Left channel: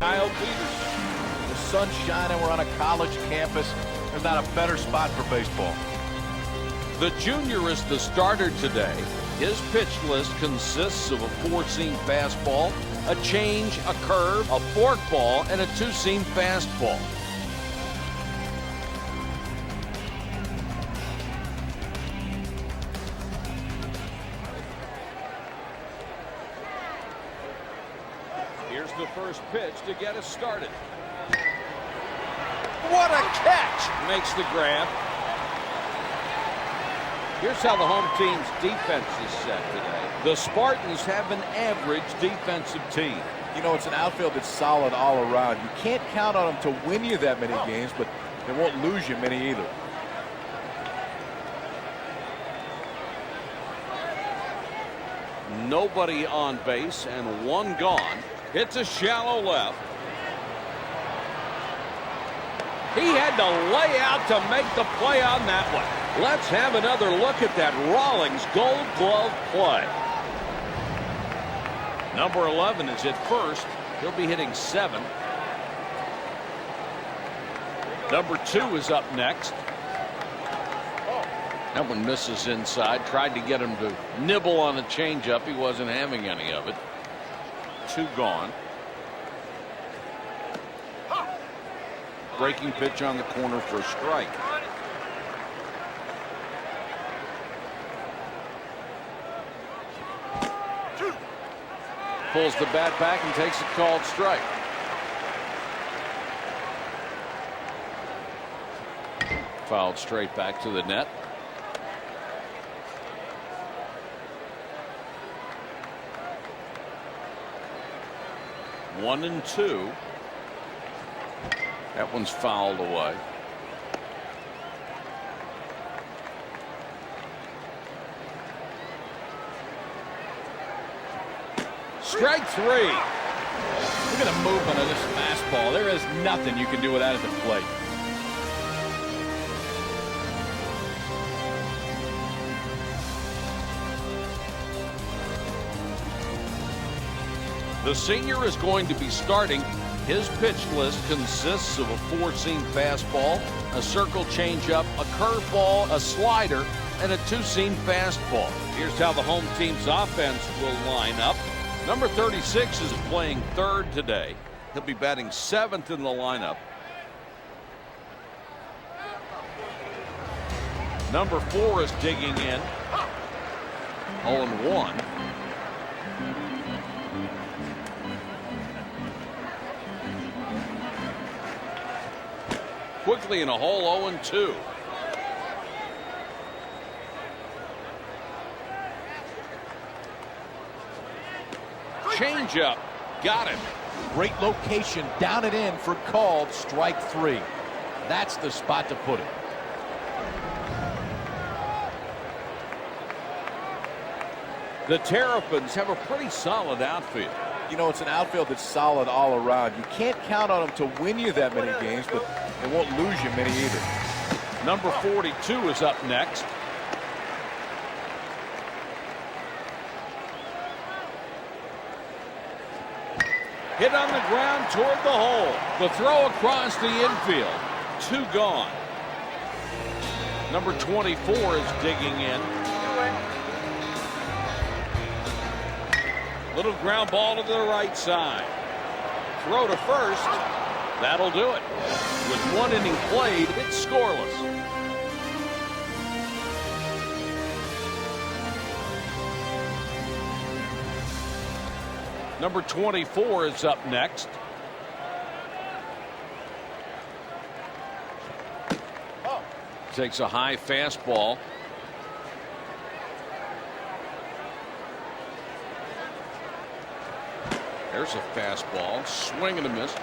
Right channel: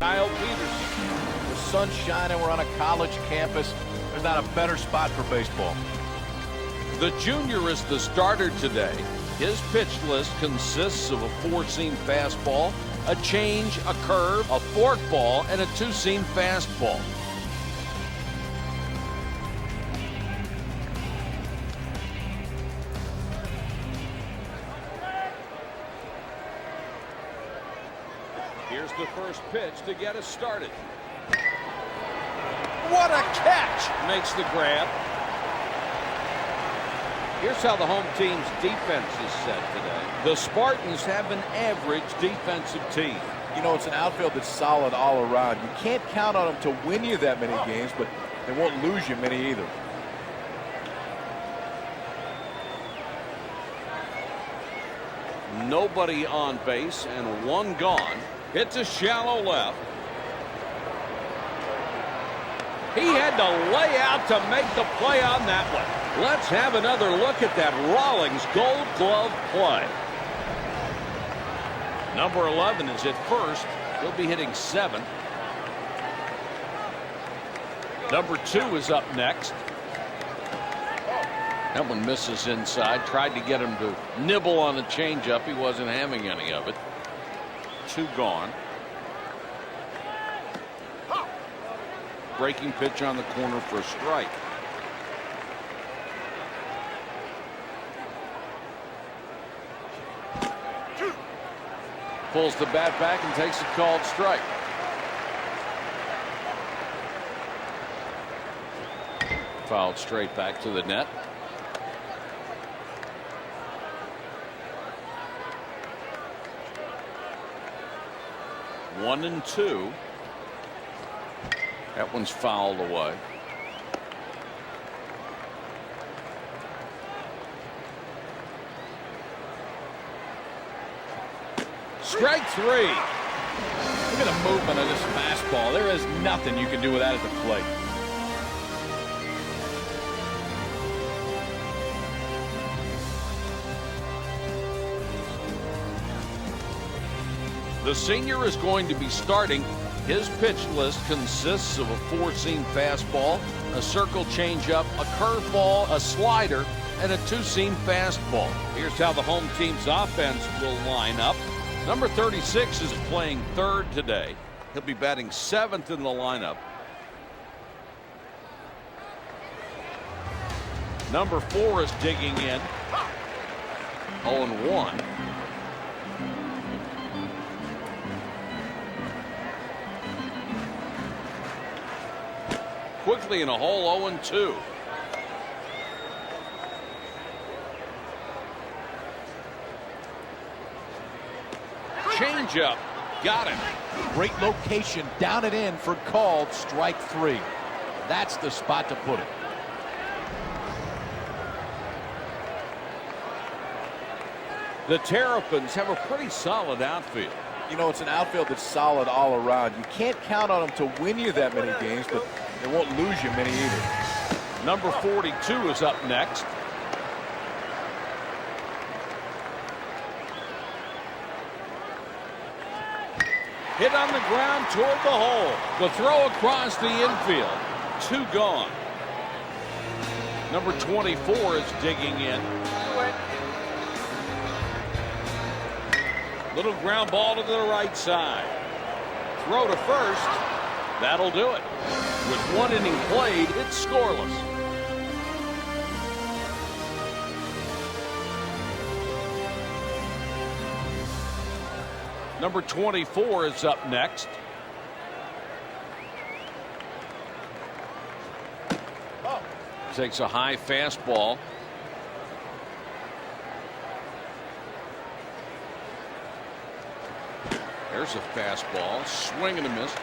Kyle Peterson. The sun's shining. We're on a college campus. There's not a better spot for baseball. The junior is the starter today. His pitch list consists of a four-seam fastball, a change, a curve, a forkball, and a two-seam fastball. Here's the first pitch to get us started. What a catch! Makes the grab. Here's how the home team's defense is set today. The Spartans have an average defensive team. You know, it's an outfield that's solid all around. You can't count on them to win you that many games, but they won't lose you many either. Nobody on base and one gone. It's a shallow left. He had to lay out to make the play on that one. Let's have another look at that Rawlings Gold Glove play. Number 11 is at first. He'll be hitting seventh. Number 2 is up next. That one misses inside. Tried to get him to nibble on a changeup. He wasn't having any of it. 2 gone. Breaking pitch on the corner for a strike. Pulls the bat back and takes a called strike. Fouled straight back to the net. One and 2. That one's fouled away. Strike 3. Look at the movement of this fastball. There is nothing you can do with that at the plate. The senior is going to be starting. His pitch list consists of a four-seam fastball, a circle changeup, a curveball, a slider, and a two-seam fastball. Here's how the home team's offense will line up. Number 36 is playing third today. He'll be batting seventh in the lineup. Number 4 is digging in. 0-1. Quickly in a hole, 0-2. Change up. Got him. Great location. Down and in for called strike 3. That's the spot to put it. The Terrapins have a pretty solid outfield. You know, it's an outfield that's solid all around. You can't count on them to win you that many games, but they won't lose you many either. Number 42 is up next. Hit on the ground toward the hole. The throw across the infield. 2 gone. Number 24 is digging in. Little ground ball to the right side. Throw to first. That'll do it. With 1 inning played, it's scoreless. Number 24 is up next. Takes a high fastball. There's a fastball. Swing and a miss.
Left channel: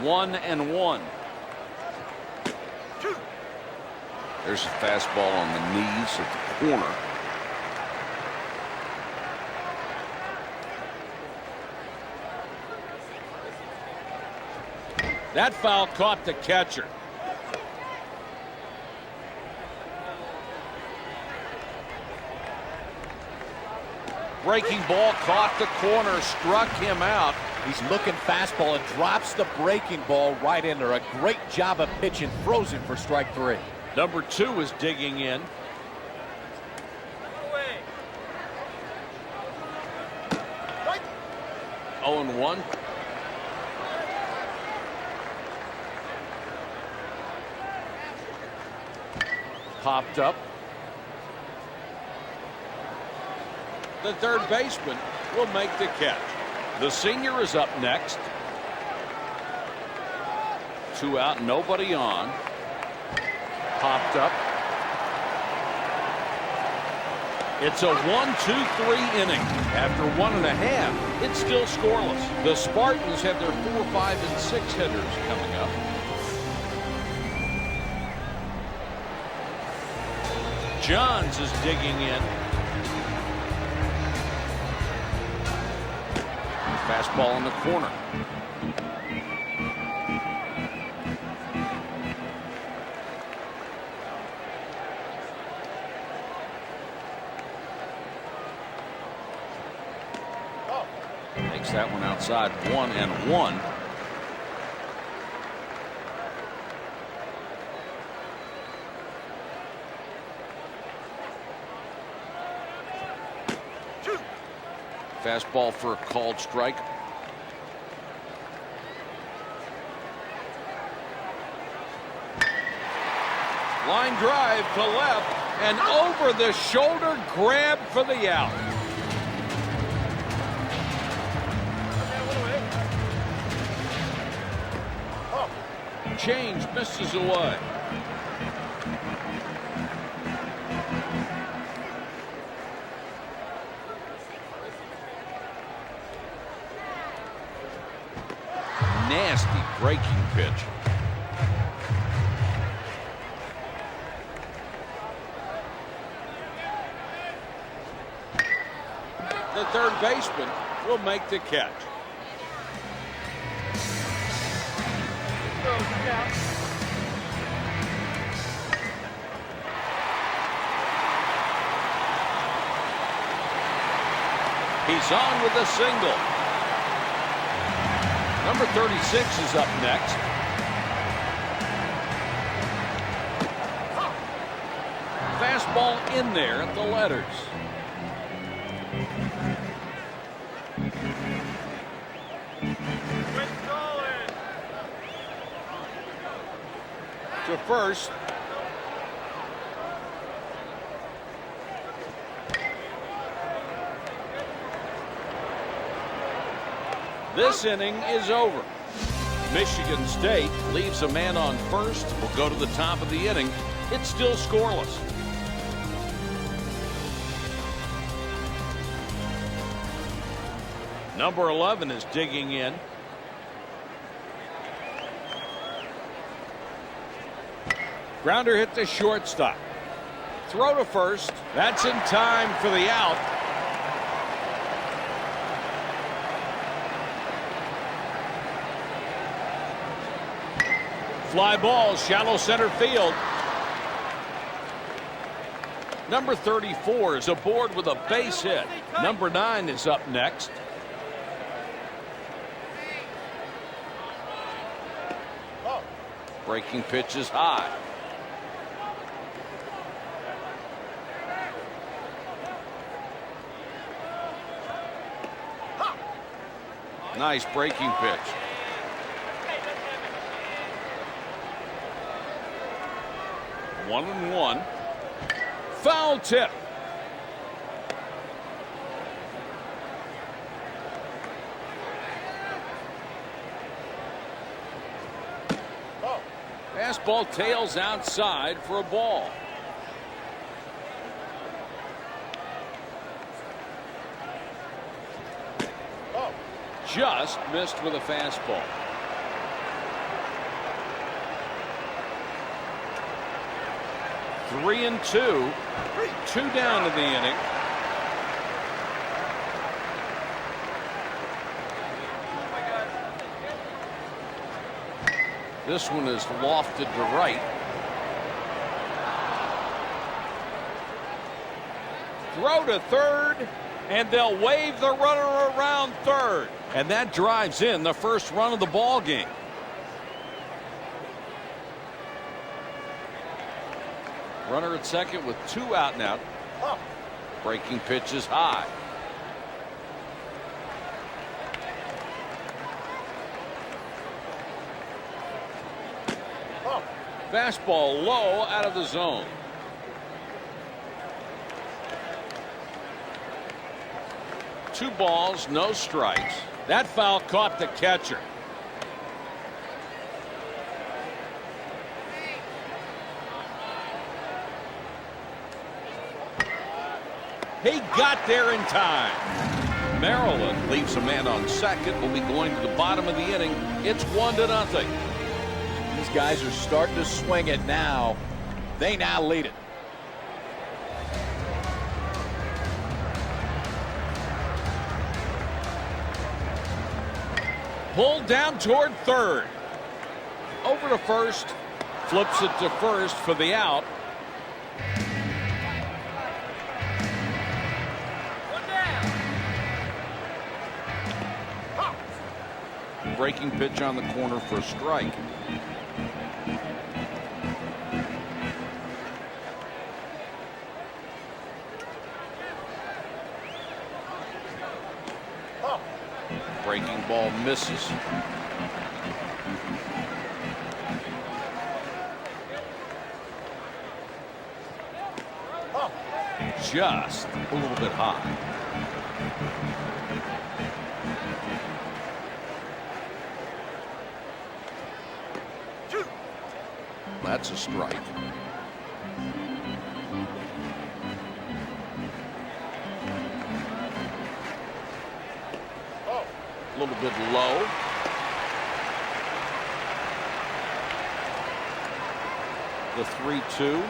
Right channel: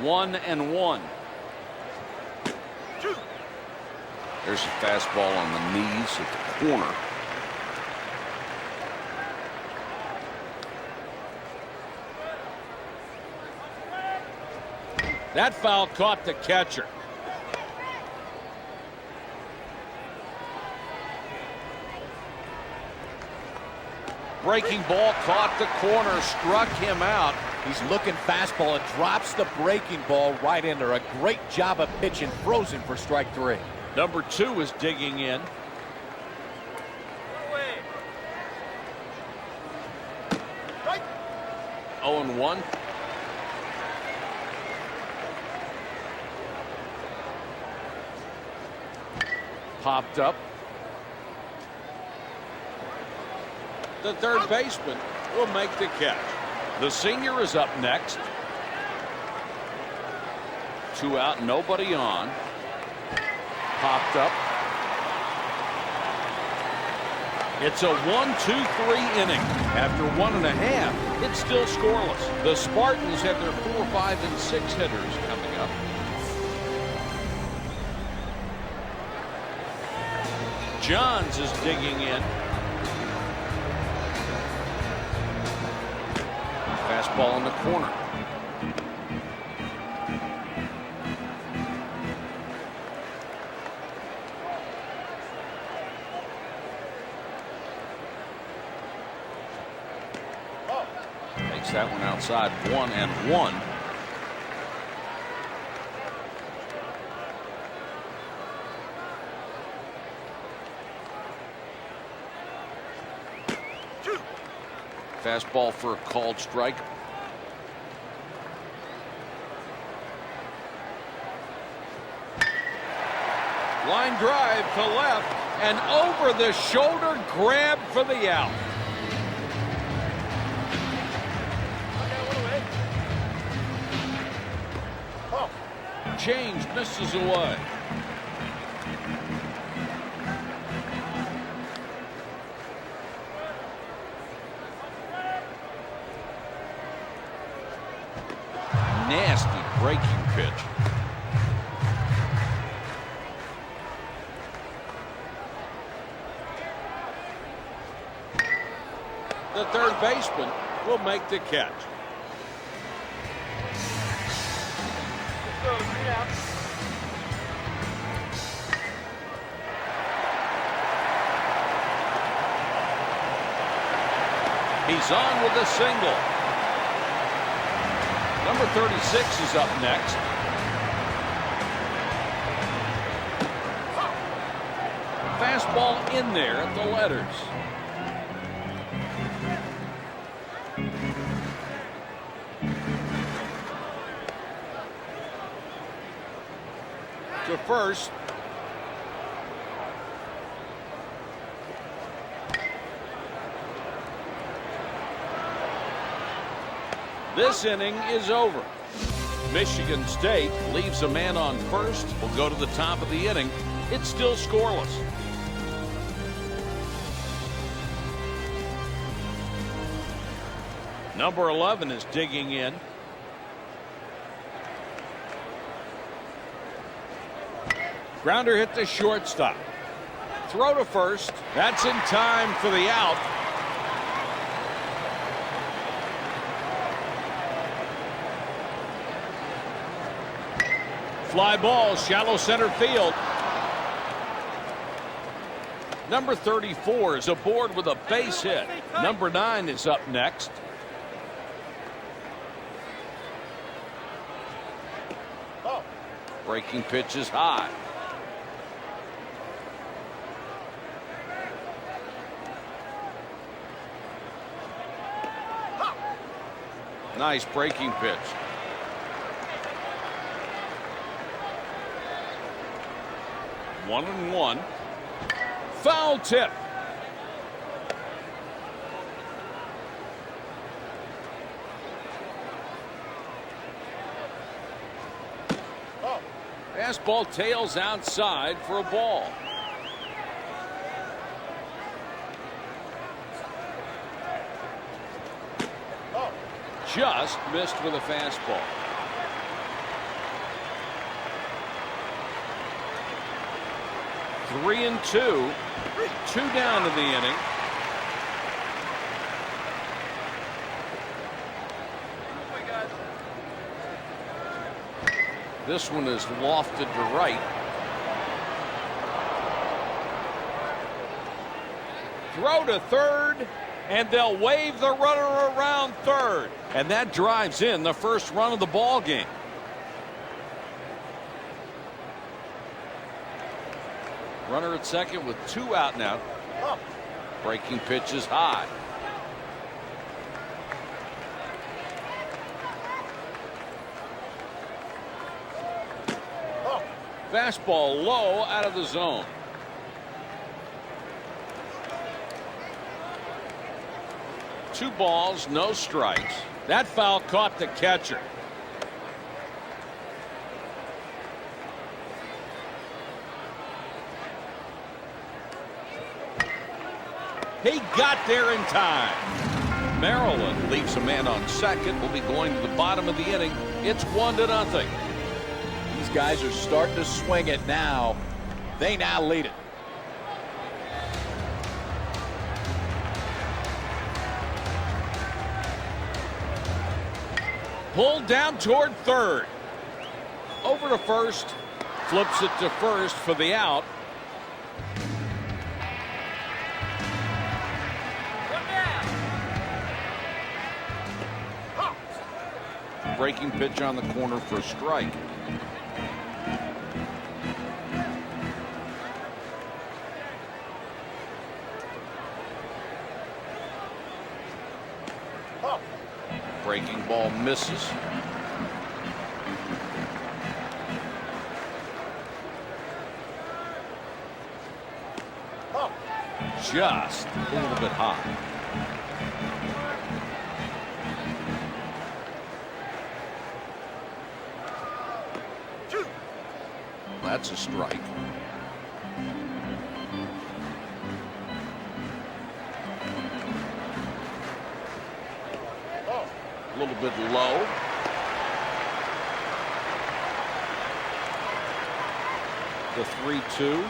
1-1. There's a fastball on the knees at the corner. That foul caught the catcher. breaking ball caught the corner, struck him out. He's looking fastball and drops the breaking ball right in there. A great job of pitching, throws him for strike 3. Number 2 is digging in. Right. 0-1. Popped up. The third baseman will make the catch. The senior is up next. 2 out, nobody on. Popped up. It's a 1-2-3 inning. After 1.5, it's still scoreless. The Spartans have their 4, 5, and 6 hitters coming up. Johns is digging in. Fastball in the corner. Takes that one outside. 1-1. Fastball for a called strike. Line drive to left and over the shoulder grab for the out. Change misses away. Nasty breaking pitch. The third baseman will make the catch. Let's go, 3 out. He's on with a single. Number 36 is up next. Fastball in there at the letters. To first. This inning is over. Michigan State leaves a man on first. Will go to the top of the inning. It's still scoreless. Number 11 is digging in. Grounder hit the shortstop. Throw to first. That's in time for the out. Fly ball, shallow center field. Number 34 is aboard with a base hit. Number 9 is up next. Breaking pitch is high. Nice breaking pitch. One and one. Foul tip. Fastball tails outside for a ball. Just missed with a fastball. Three and two. Two down to the inning. This one is lofted to right. Throw to third, And they'll wave the runner around third. And that drives in the first run of the ball game. Runner at second with 2 out now. Breaking pitch is high. Fastball low, out of the zone. Two balls, no strikes. That foul caught the catcher. He got there in time. Maryland leaves a man on second. Will be going to the bottom of the inning. It's 1-0. These guys are starting to swing it now. They now lead it. Pulled down toward third. Over to first. Flips it to first for the out. One down. Breaking pitch on the corner for a strike. Breaking ball misses. Just a little bit high. That's a strike. A little bit low. The 3-2.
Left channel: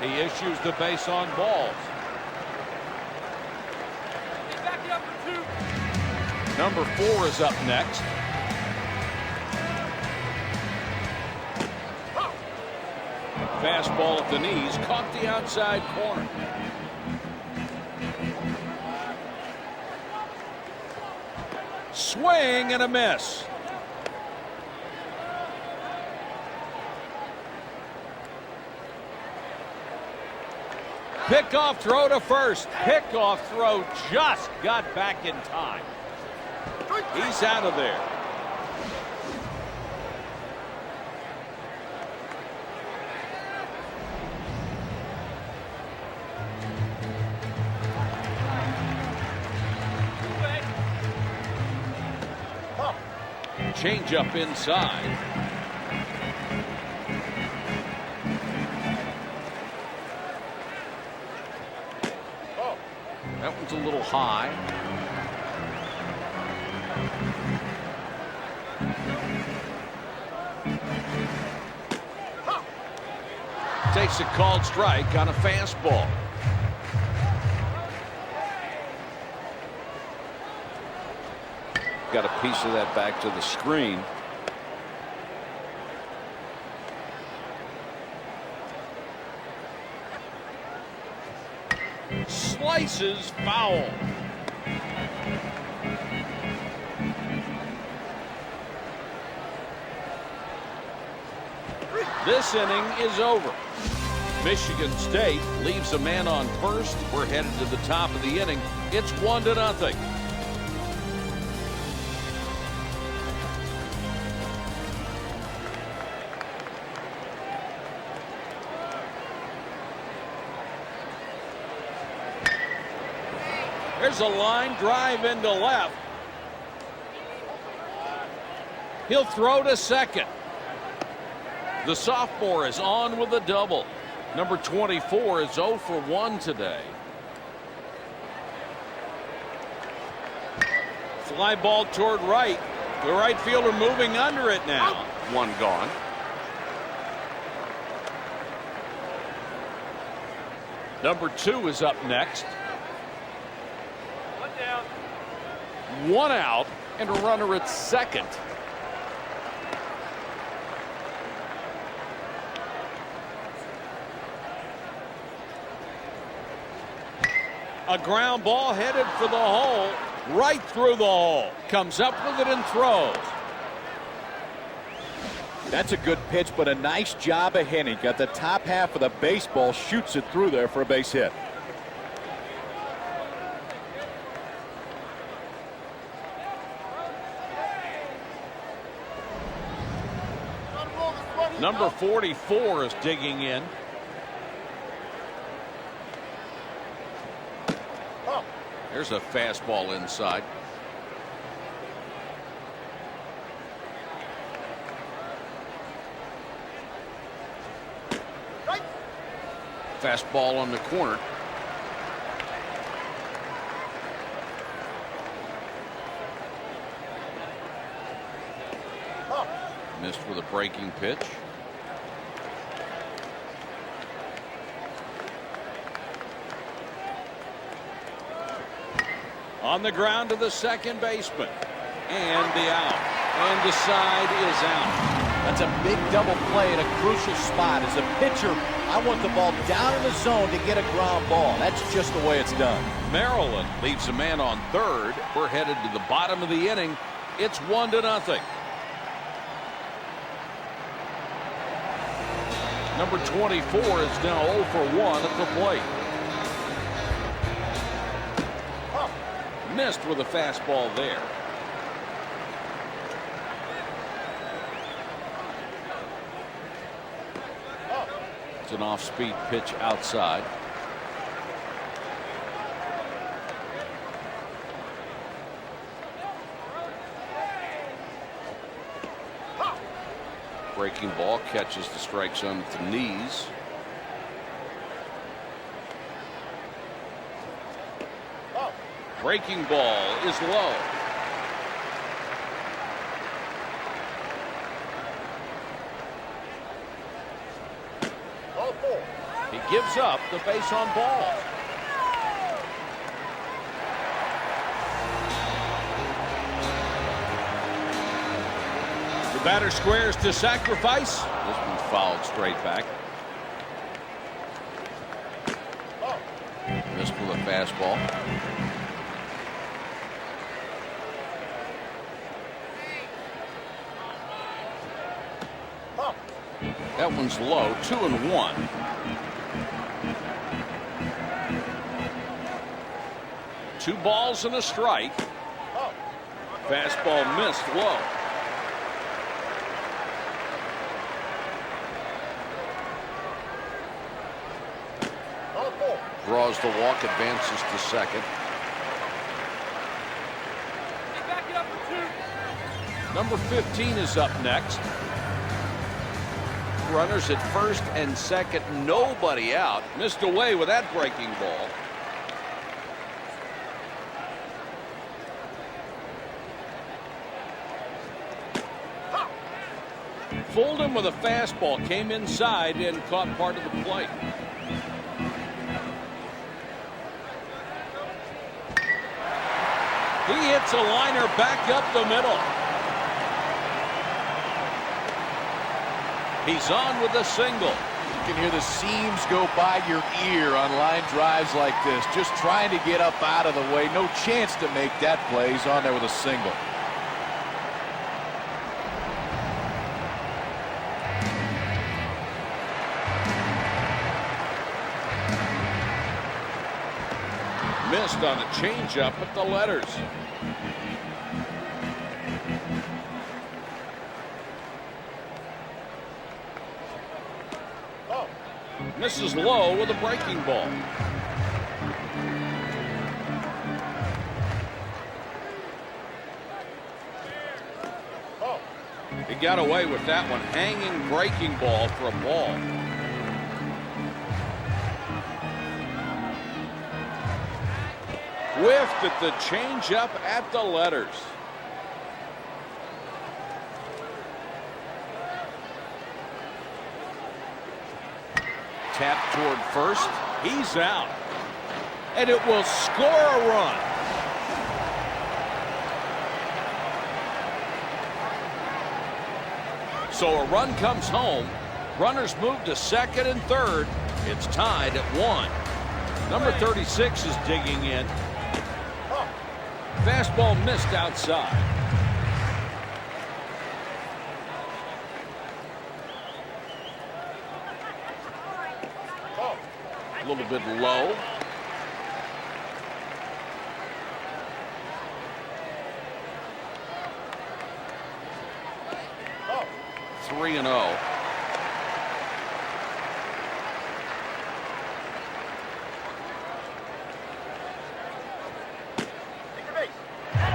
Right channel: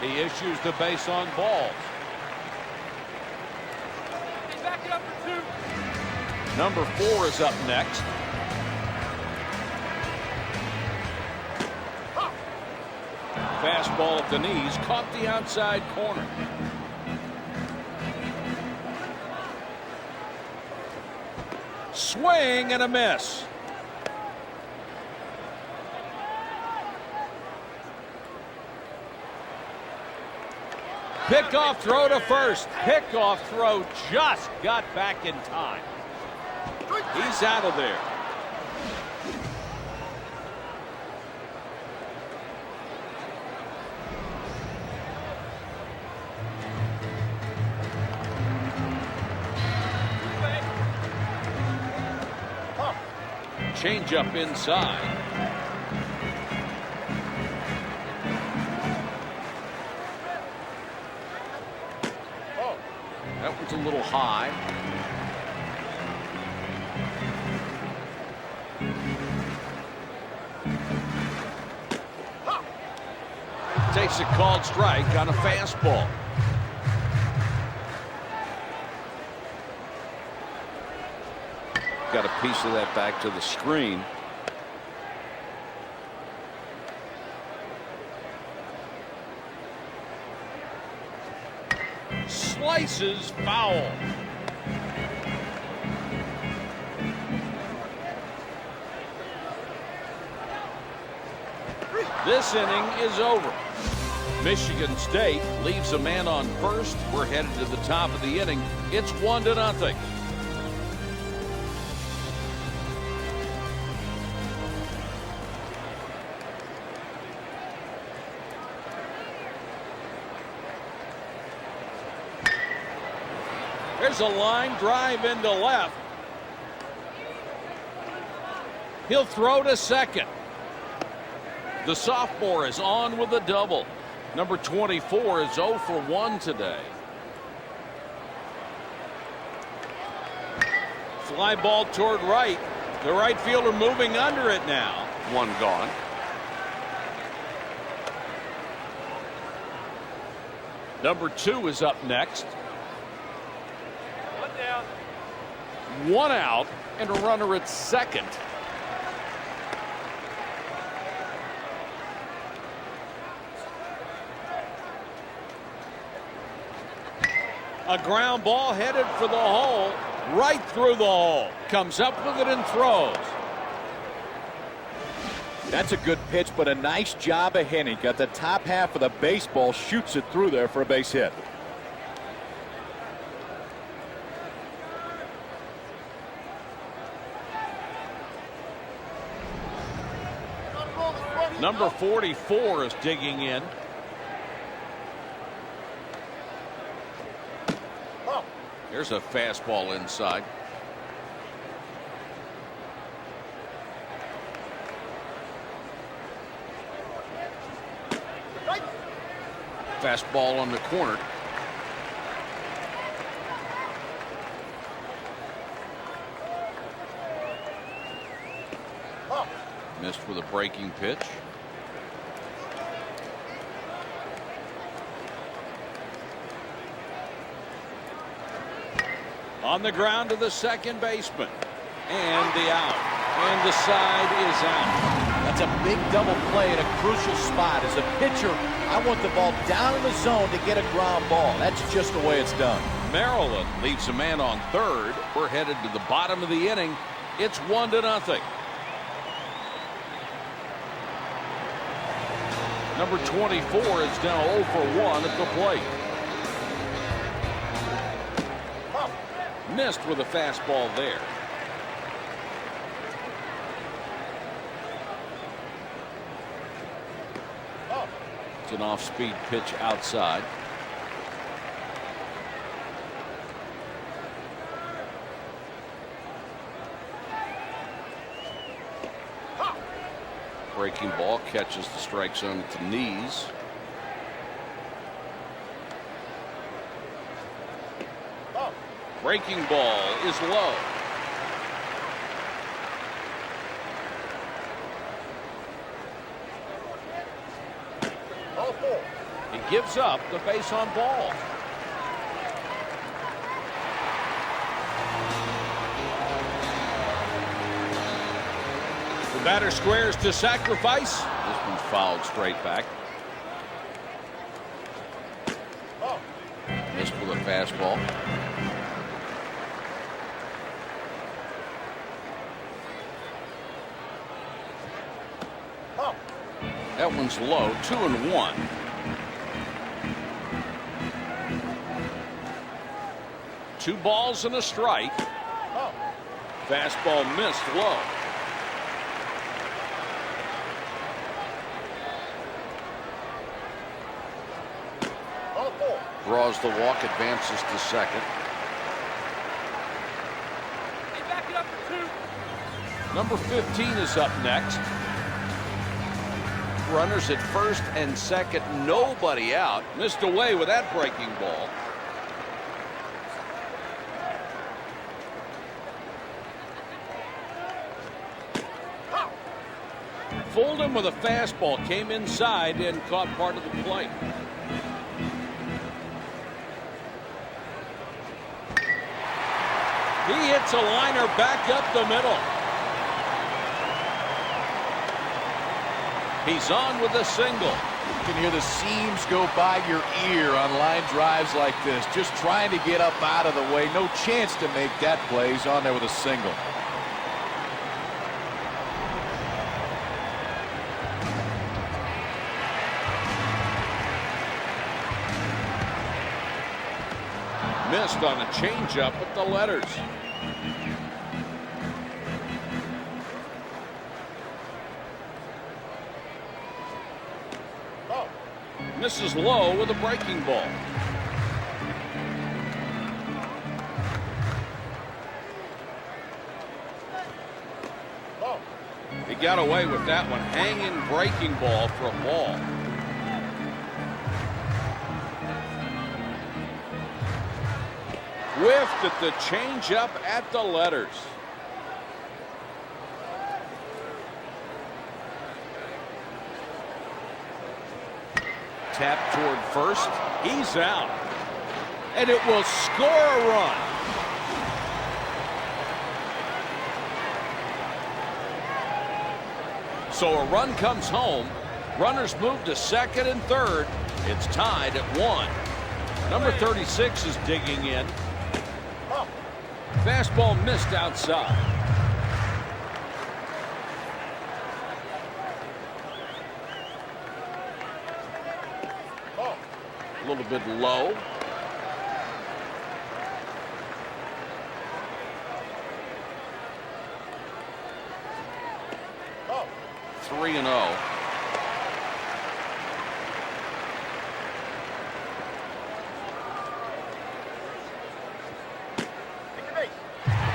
He issues the base on balls. Back it up for 2. Number 4 is up next. Fastball at the knees, caught the outside corner. Swing and a miss. Pickoff throw to first. Pickoff throw just got back in time. He's out of there. Change up inside. That one's a little high. Takes a called strike on a fastball. Got a piece of that back to the screen. Slices foul. This inning is over. Michigan State leaves a man on first. We're headed to the top of the inning. It's 1-0. There's a line drive into left. He'll throw to second. The sophomore is on with a double. Number 24 is 0 for 1 today. Fly ball toward right. The right fielder moving under it now. One gone. Number 2 is up next. Down. 1 out and a runner at second. A ground ball headed for the hole, right through the hole. Comes up with it and throws. That's a good pitch, but a nice job of Henning. Got the top half of the baseball, shoots it through there for a base hit. Number 44 is digging in. Here's a fastball inside. Fastball on the corner. Missed with a breaking pitch. On the ground to the second baseman. And the out. And the side is out. That's a big double play at a crucial spot. As a pitcher, I want the ball down in the zone to get a ground ball. That's just the way it's done. Maryland leaves a man on third. We're headed to the bottom of the inning. It's 1-0. Number 24 is now 0 for 1 at the plate. Missed with a fastball there. It's an off-speed pitch outside. Breaking ball catches the strike zone at the knees. Breaking ball is low. He gives up the base on balls. The batter squares to sacrifice. This one's fouled straight back. Missed with a fastball. That one's low. 2-1. Two balls and a strike. Fastball missed low. Draws the walk, advances to second. Hey, back it up for 2. Number 15 is up next. Runners at first and second, nobody out. Missed away with that breaking ball. Fooled him with a fastball, came inside and caught part of the play. He hits a liner back up the middle. He's on with a single. You can hear the seams go by your ear on line drives like this. Just trying to get up out of the way. No chance to make that play. He's on there with a single. Missed on a changeup at the letters. Misses low with a breaking ball. He got away with that one. Hanging breaking ball for a ball. Whiffed at the changeup at the letters. Tap toward first. He's out. And it will score a run. So a run comes home. Runners move to second and third. It's tied at 1. Number 36 is digging in. Fastball missed outside. A little bit low. Oh. 3-0.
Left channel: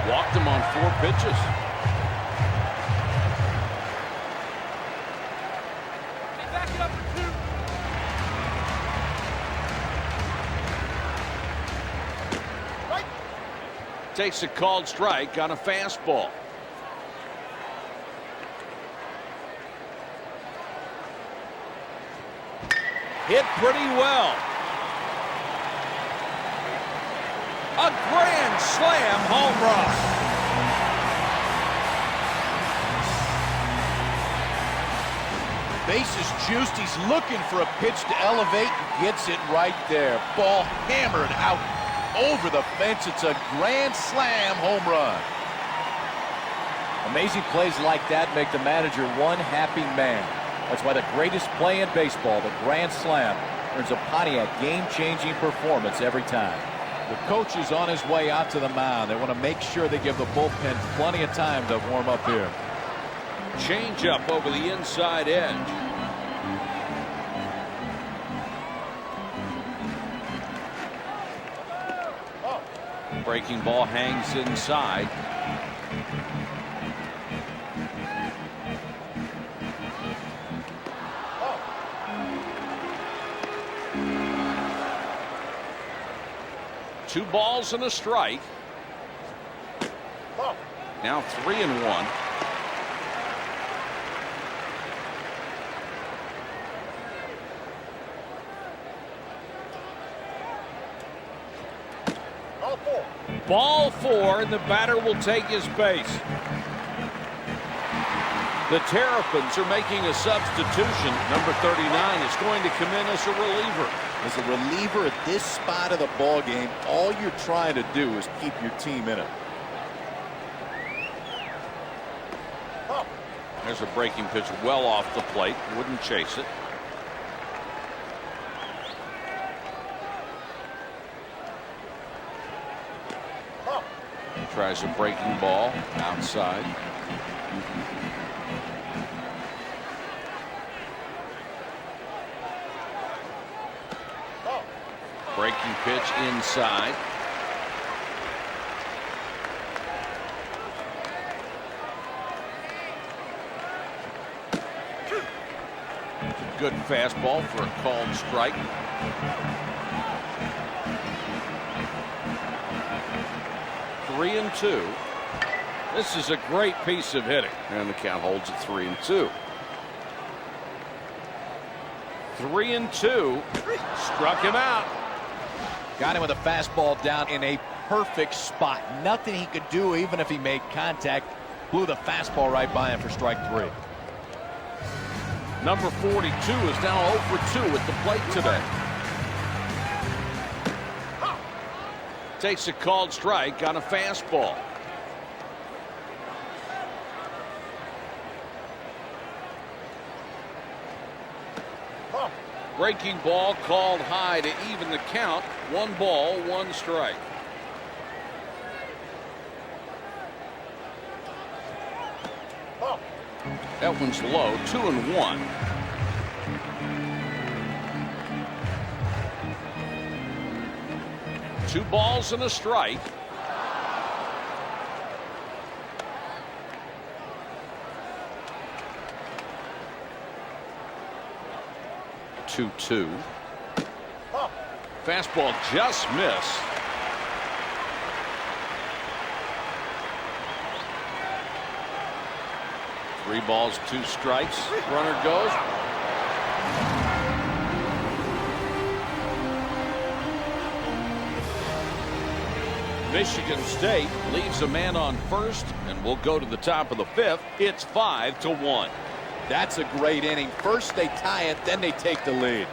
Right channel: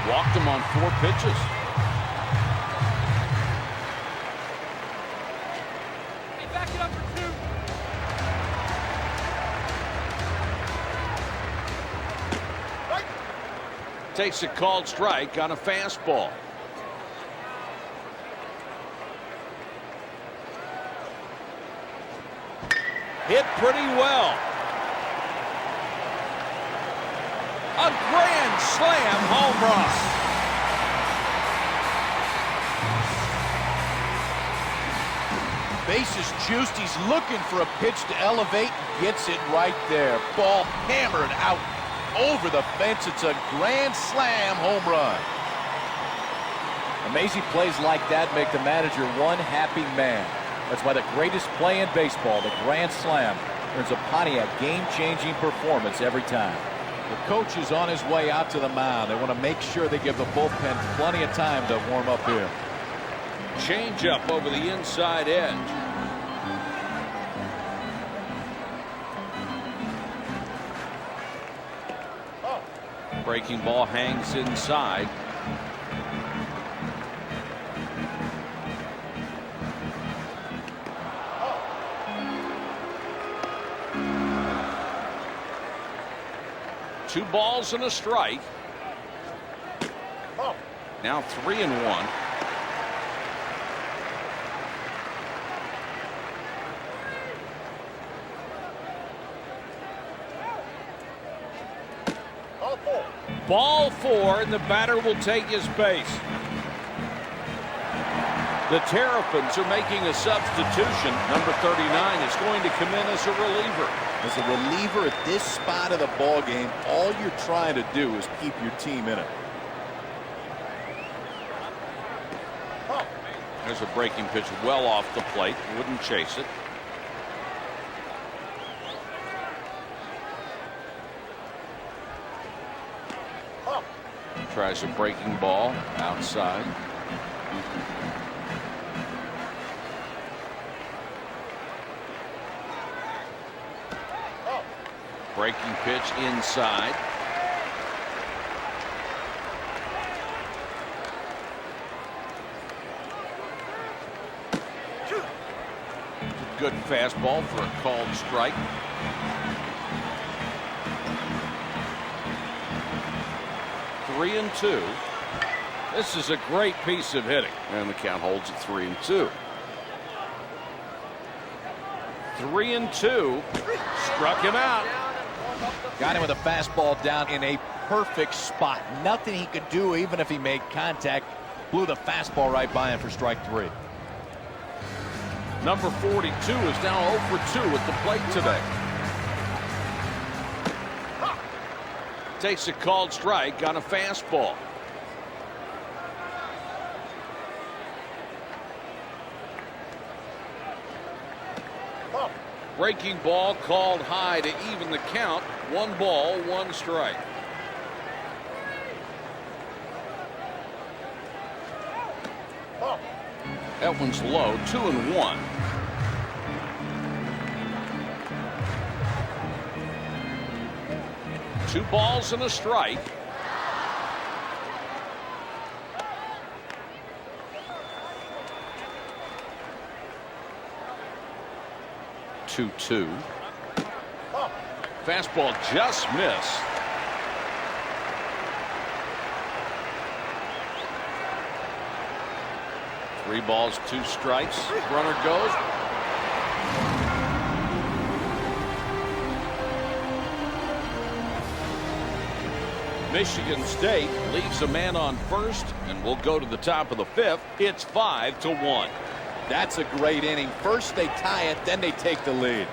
Walked him on 4 pitches. Hey, back it up for 2. Right. Takes a called strike on a fastball. Hit pretty well. A grand slam home run. Base is juiced. He's looking for a pitch to elevate and gets it right there. Ball hammered out over the fence. It's a grand slam home run. Amazing plays like that make the manager one happy man. That's why the greatest play in baseball, the grand slam, earns a Pontiac game-changing performance every time. The coach is on his way out to the mound. They want to make sure they give the bullpen plenty of time to warm up here. Change up over the inside edge. Breaking ball hangs inside. Two balls and a strike. Now 3-1. Ball 4, and the batter will take his base. The Terrapins are making a substitution. Number 39 is going to come in as a reliever. As a reliever at this spot of the ball game, all you're trying to do is keep your team in it. There's a breaking pitch well off the plate. Wouldn't chase it. Tries a breaking ball outside. Breaking pitch inside. It's a good fastball for a called strike. Three and 2. This is a great piece of hitting, and the count holds at 3-2. 3-2. Struck him out. Got him with a fastball down in a perfect spot. Nothing he could do even if he made contact. Blew the fastball right by him for strike 3. Number 42 is now 0 for 2 at the plate today. Takes a called strike on a fastball. Breaking ball called high to even the count. 1 ball, 1 strike. That one's low. 2-1. Two balls and a strike. Two. Fastball just missed. Three balls, 2 strikes. Runner goes. Michigan State leaves a man on first, and we'll go to the top of the 5th. It's 5-1. That's a great inning. First they tie it, then they take the lead.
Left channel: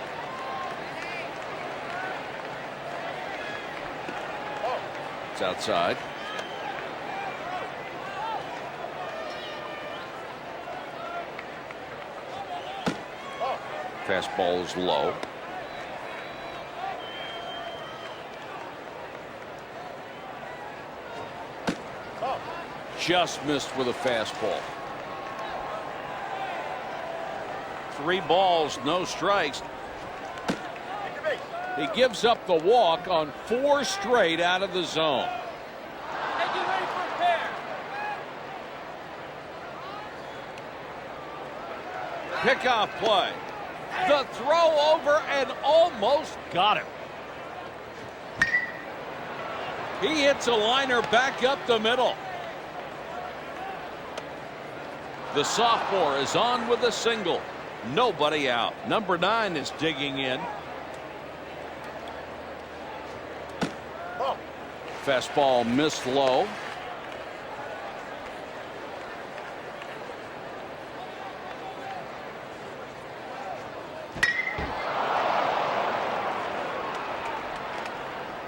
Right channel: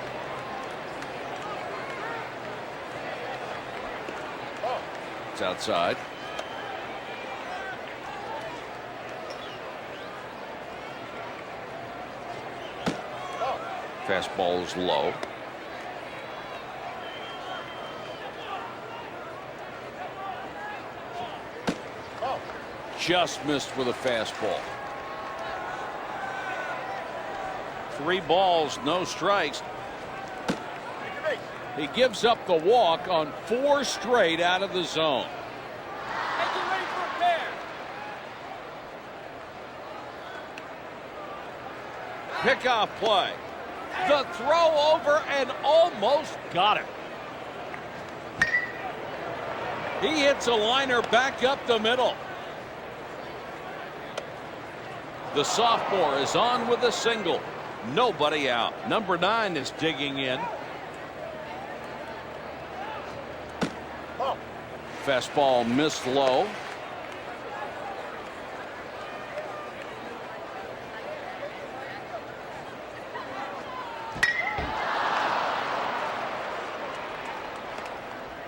It's outside. Fastball is low. Just missed with a fastball. 3 balls, no strikes. He gives up the walk on 4 straight out of the zone. Hey, get ready for a pair. Pickoff play. The throw over and almost got him. He hits a liner back up the middle. The sophomore is on with a single. Nobody out. Number 9 is digging in. Fastball missed low.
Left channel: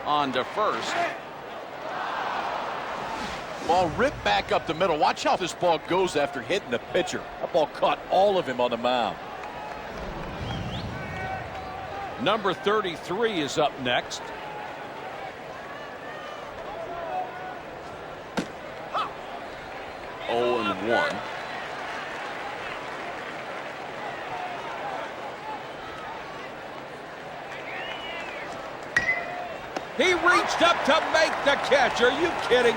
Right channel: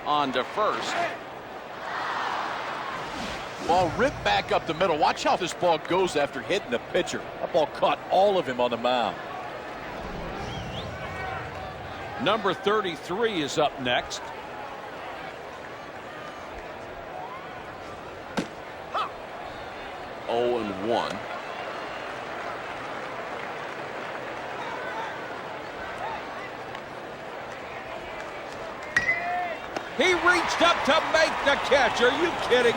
On to first. Ball ripped back up the middle. Watch how this ball goes after hitting the pitcher. That ball caught all of him on the mound. Number 33 is up next. Oh and 1. He reached up to make the catch. Are you kidding?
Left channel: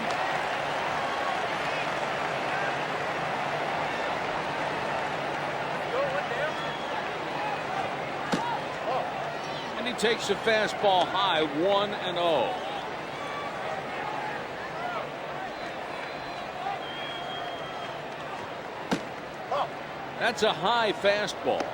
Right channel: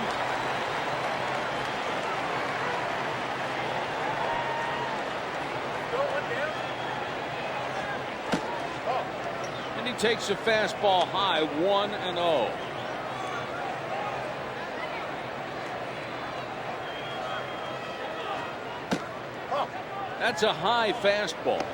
Go one down. And he takes a fastball high, 1-0. That's a high fastball.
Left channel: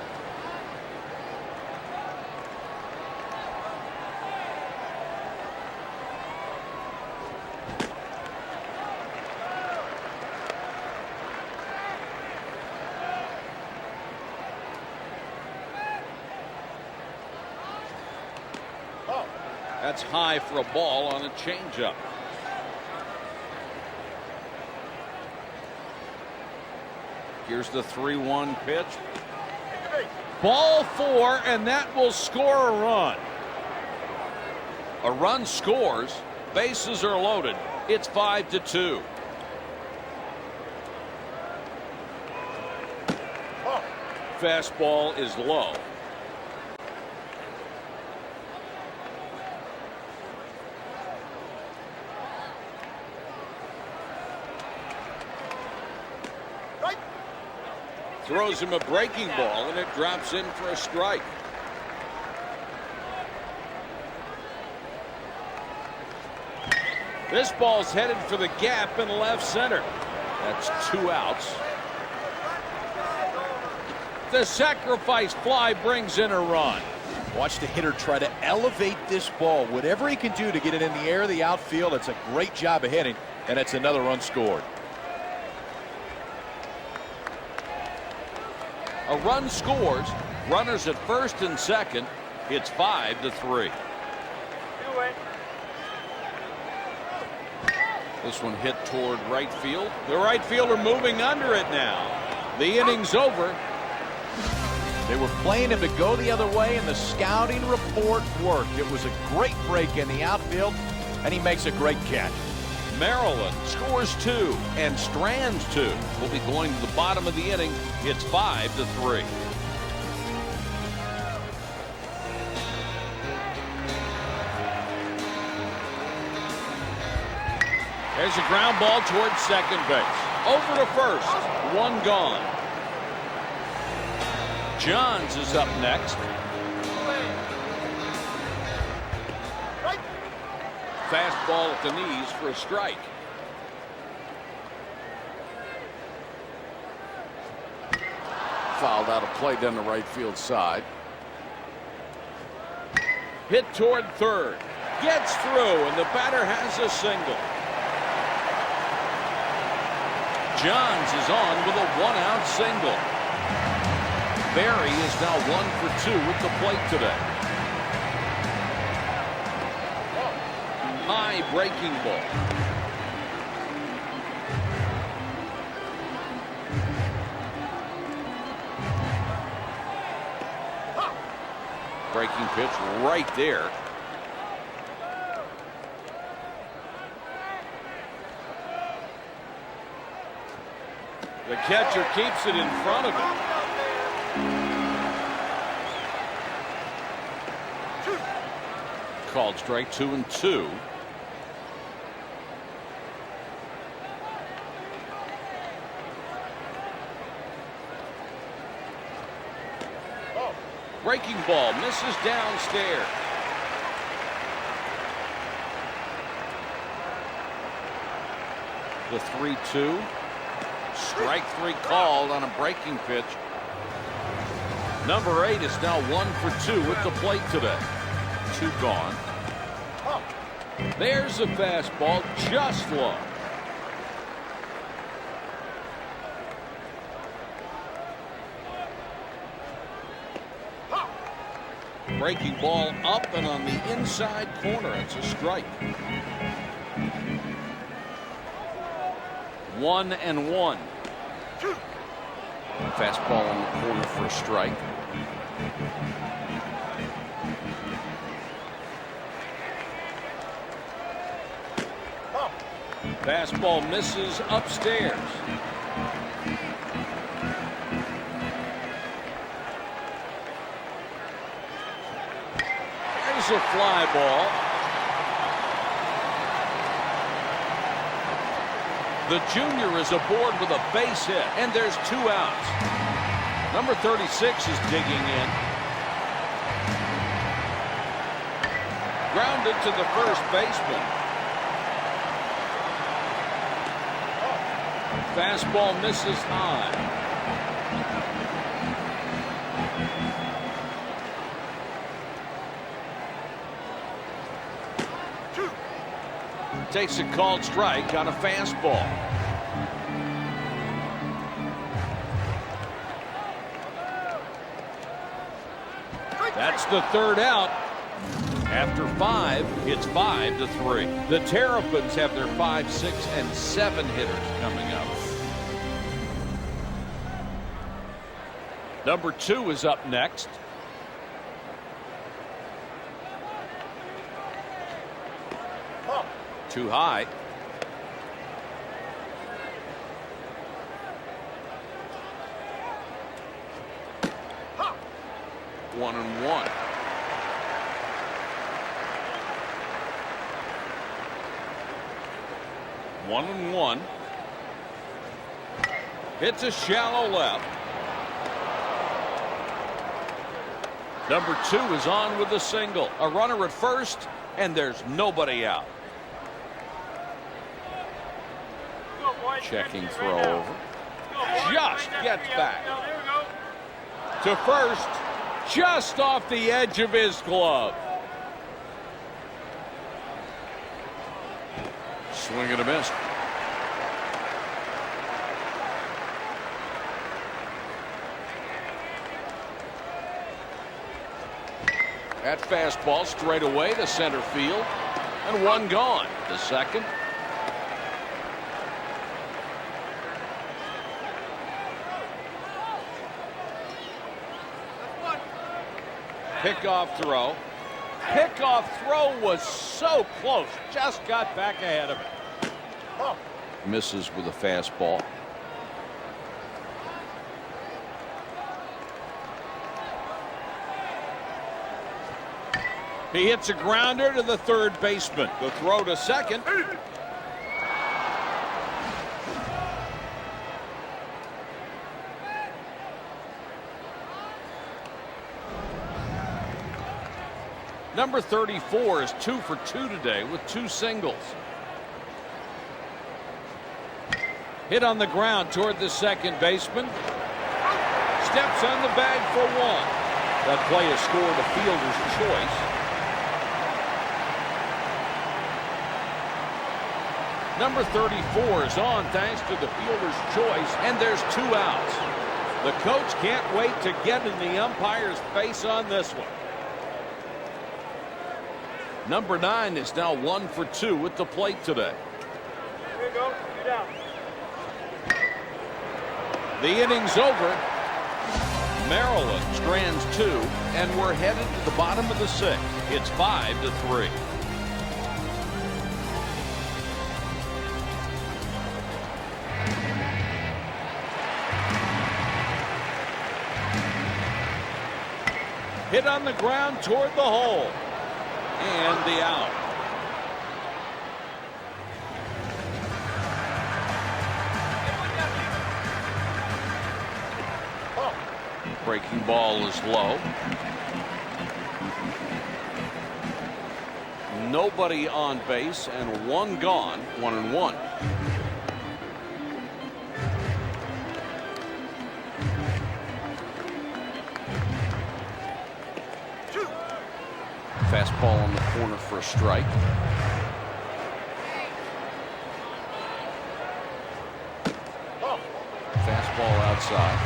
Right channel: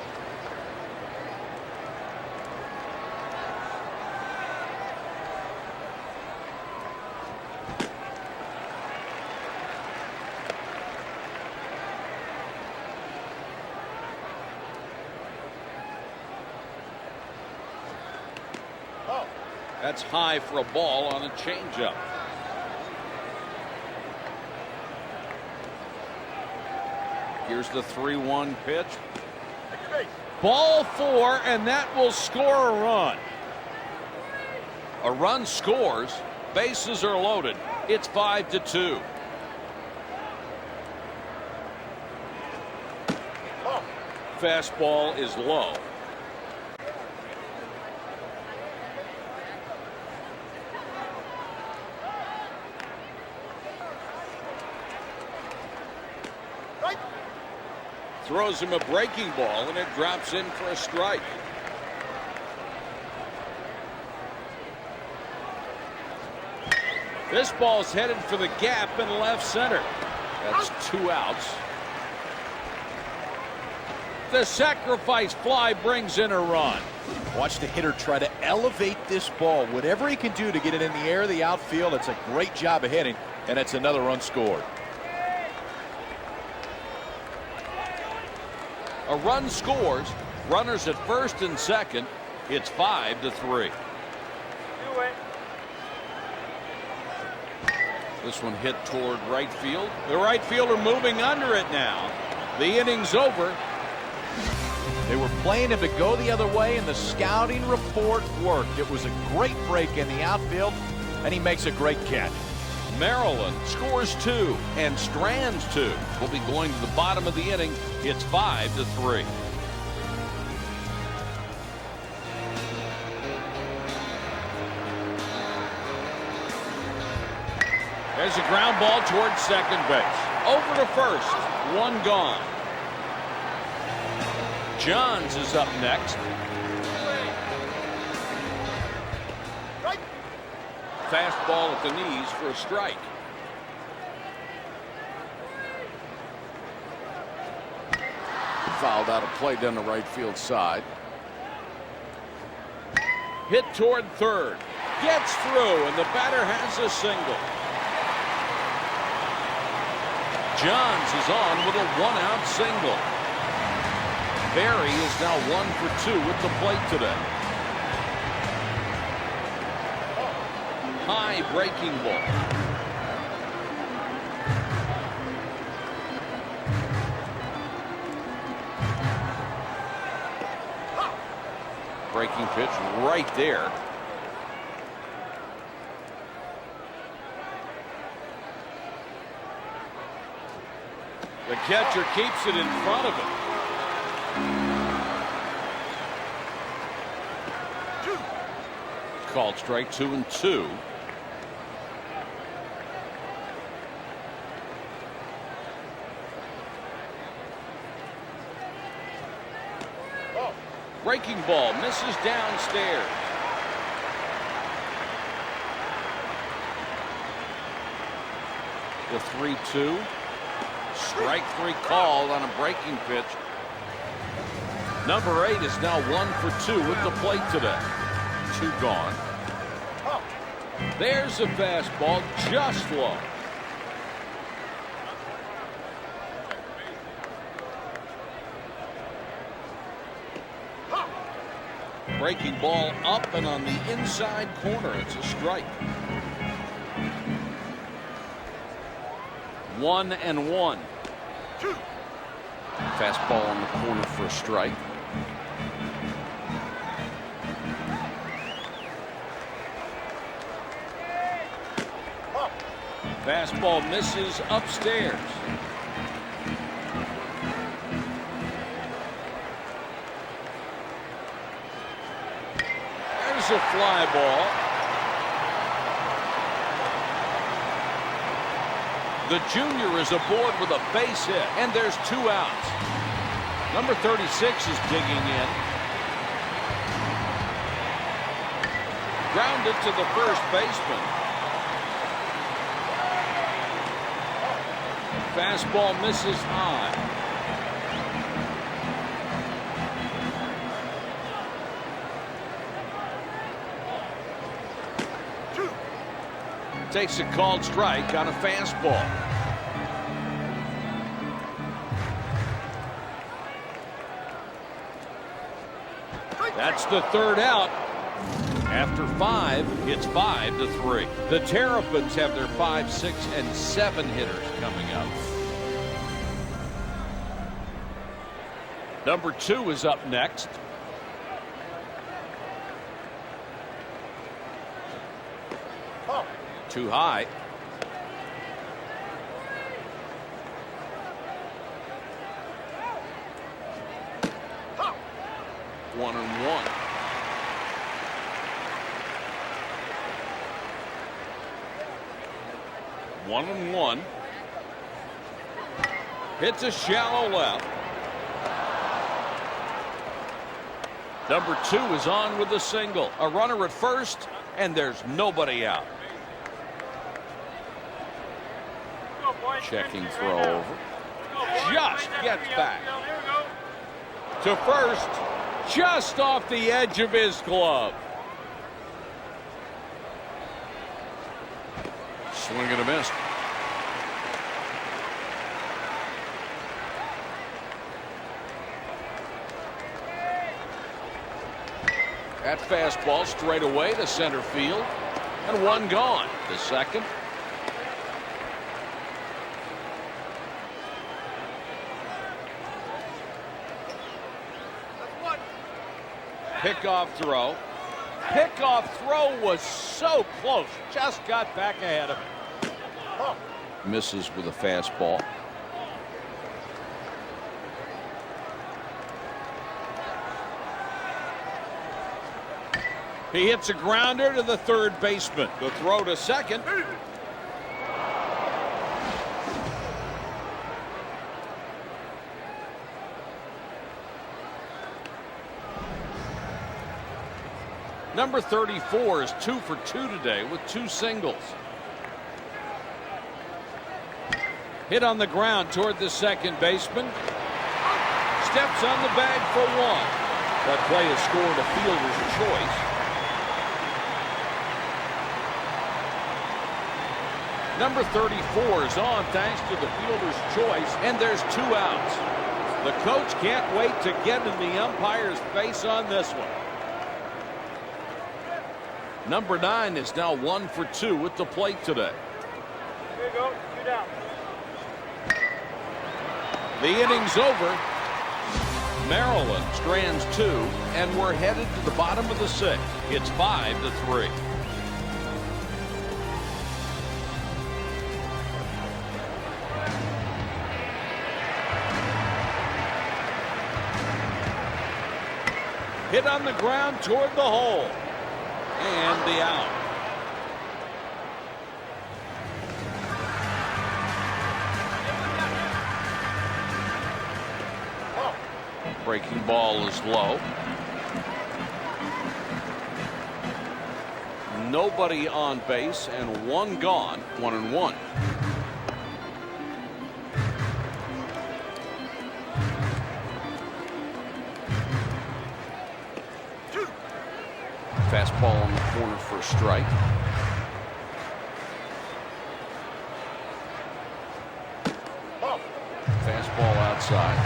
That's high for a ball on a changeup. Here's the 3-1 pitch. Ball 4, and that will score a run. A run scores. Bases are loaded. It's 5-2. Fastball is low. Throws him a breaking ball, and it drops in for a strike. This ball's headed for the gap in left center. That's 2 outs. The sacrifice fly brings in a run. Watch the hitter try to elevate this ball. Whatever he can do to get it in the air of the outfield, it's a great job of hitting, and it's another run scored. A run scores. Runners at first and second. It's 5-3. Do it. This one hit toward right field. The right fielder moving under it now. The inning's over. They were playing him to go the other way, and the scouting report worked. It was a great break in the outfield, and he makes a great catch. Maryland scores 2 and strands 2. We'll be going to the bottom of the inning. It's 5-3. There's a ground ball towards second base. Over to first. 1 gone. Johns is up next. Fastball at the knees for a strike. Fouled out a play down the right field side. Hit toward third. Gets through, and the batter has a single. Johns is on with a 1-out single. Barry is now 1 for 2 at the plate today. high breaking ball. Breaking pitch right there. The catcher keeps it in front of him. Called strike 2-2. Breaking ball misses downstairs. The 3-2. Strike 3 called on a breaking pitch. Number 8 is now 1 for 2 at the plate today. 2 gone. There's a fastball just low. Breaking ball up and on the inside corner. It's a strike. 1-1. Fastball on the corner for a strike. Fastball misses upstairs. There's a fly ball. The junior is aboard with a base hit, and there's 2 outs. Number 36 is digging in. Grounded to the first baseman. Fastball misses high. Takes a called strike on a fastball. That's the 3rd out. After 5, it's 5-3. The Terrapins have their 5, 6, and 7 hitters coming up. Number 2 is up next. Too high. One and one. One and one. Hits a shallow left. Number 2 is on with a single. A runner at first, and there's nobody out. Checking throw over. Just gets back to first, just off the edge of his glove. Swing and a miss. That fastball straight away to center field, and 1 gone. The second. Pickoff throw. Pickoff throw was so close. Just got back ahead of it. Misses with a fastball. He hits a grounder to the third baseman. The throw to second. Number 34 is 2 for 2 today with 2 singles. Hit on the ground toward the second baseman. Steps on the bag for 1. That play is scored a fielder's choice. Number 34 is on thanks to the fielder's choice, and there's 2 outs. The coach can't wait to get in the umpire's face on this one. Number 9 is now 1 for 2 at the plate today. Here we go. 2 down. The inning's over. Maryland strands 2, and we're headed to the bottom of the 6th. It's 5-3. Hit on the ground toward the hole. And the out. Hey, one down here. Breaking ball is low. Nobody on base and 1 gone. 1-1. Fastball on the corner for a strike. Fastball outside.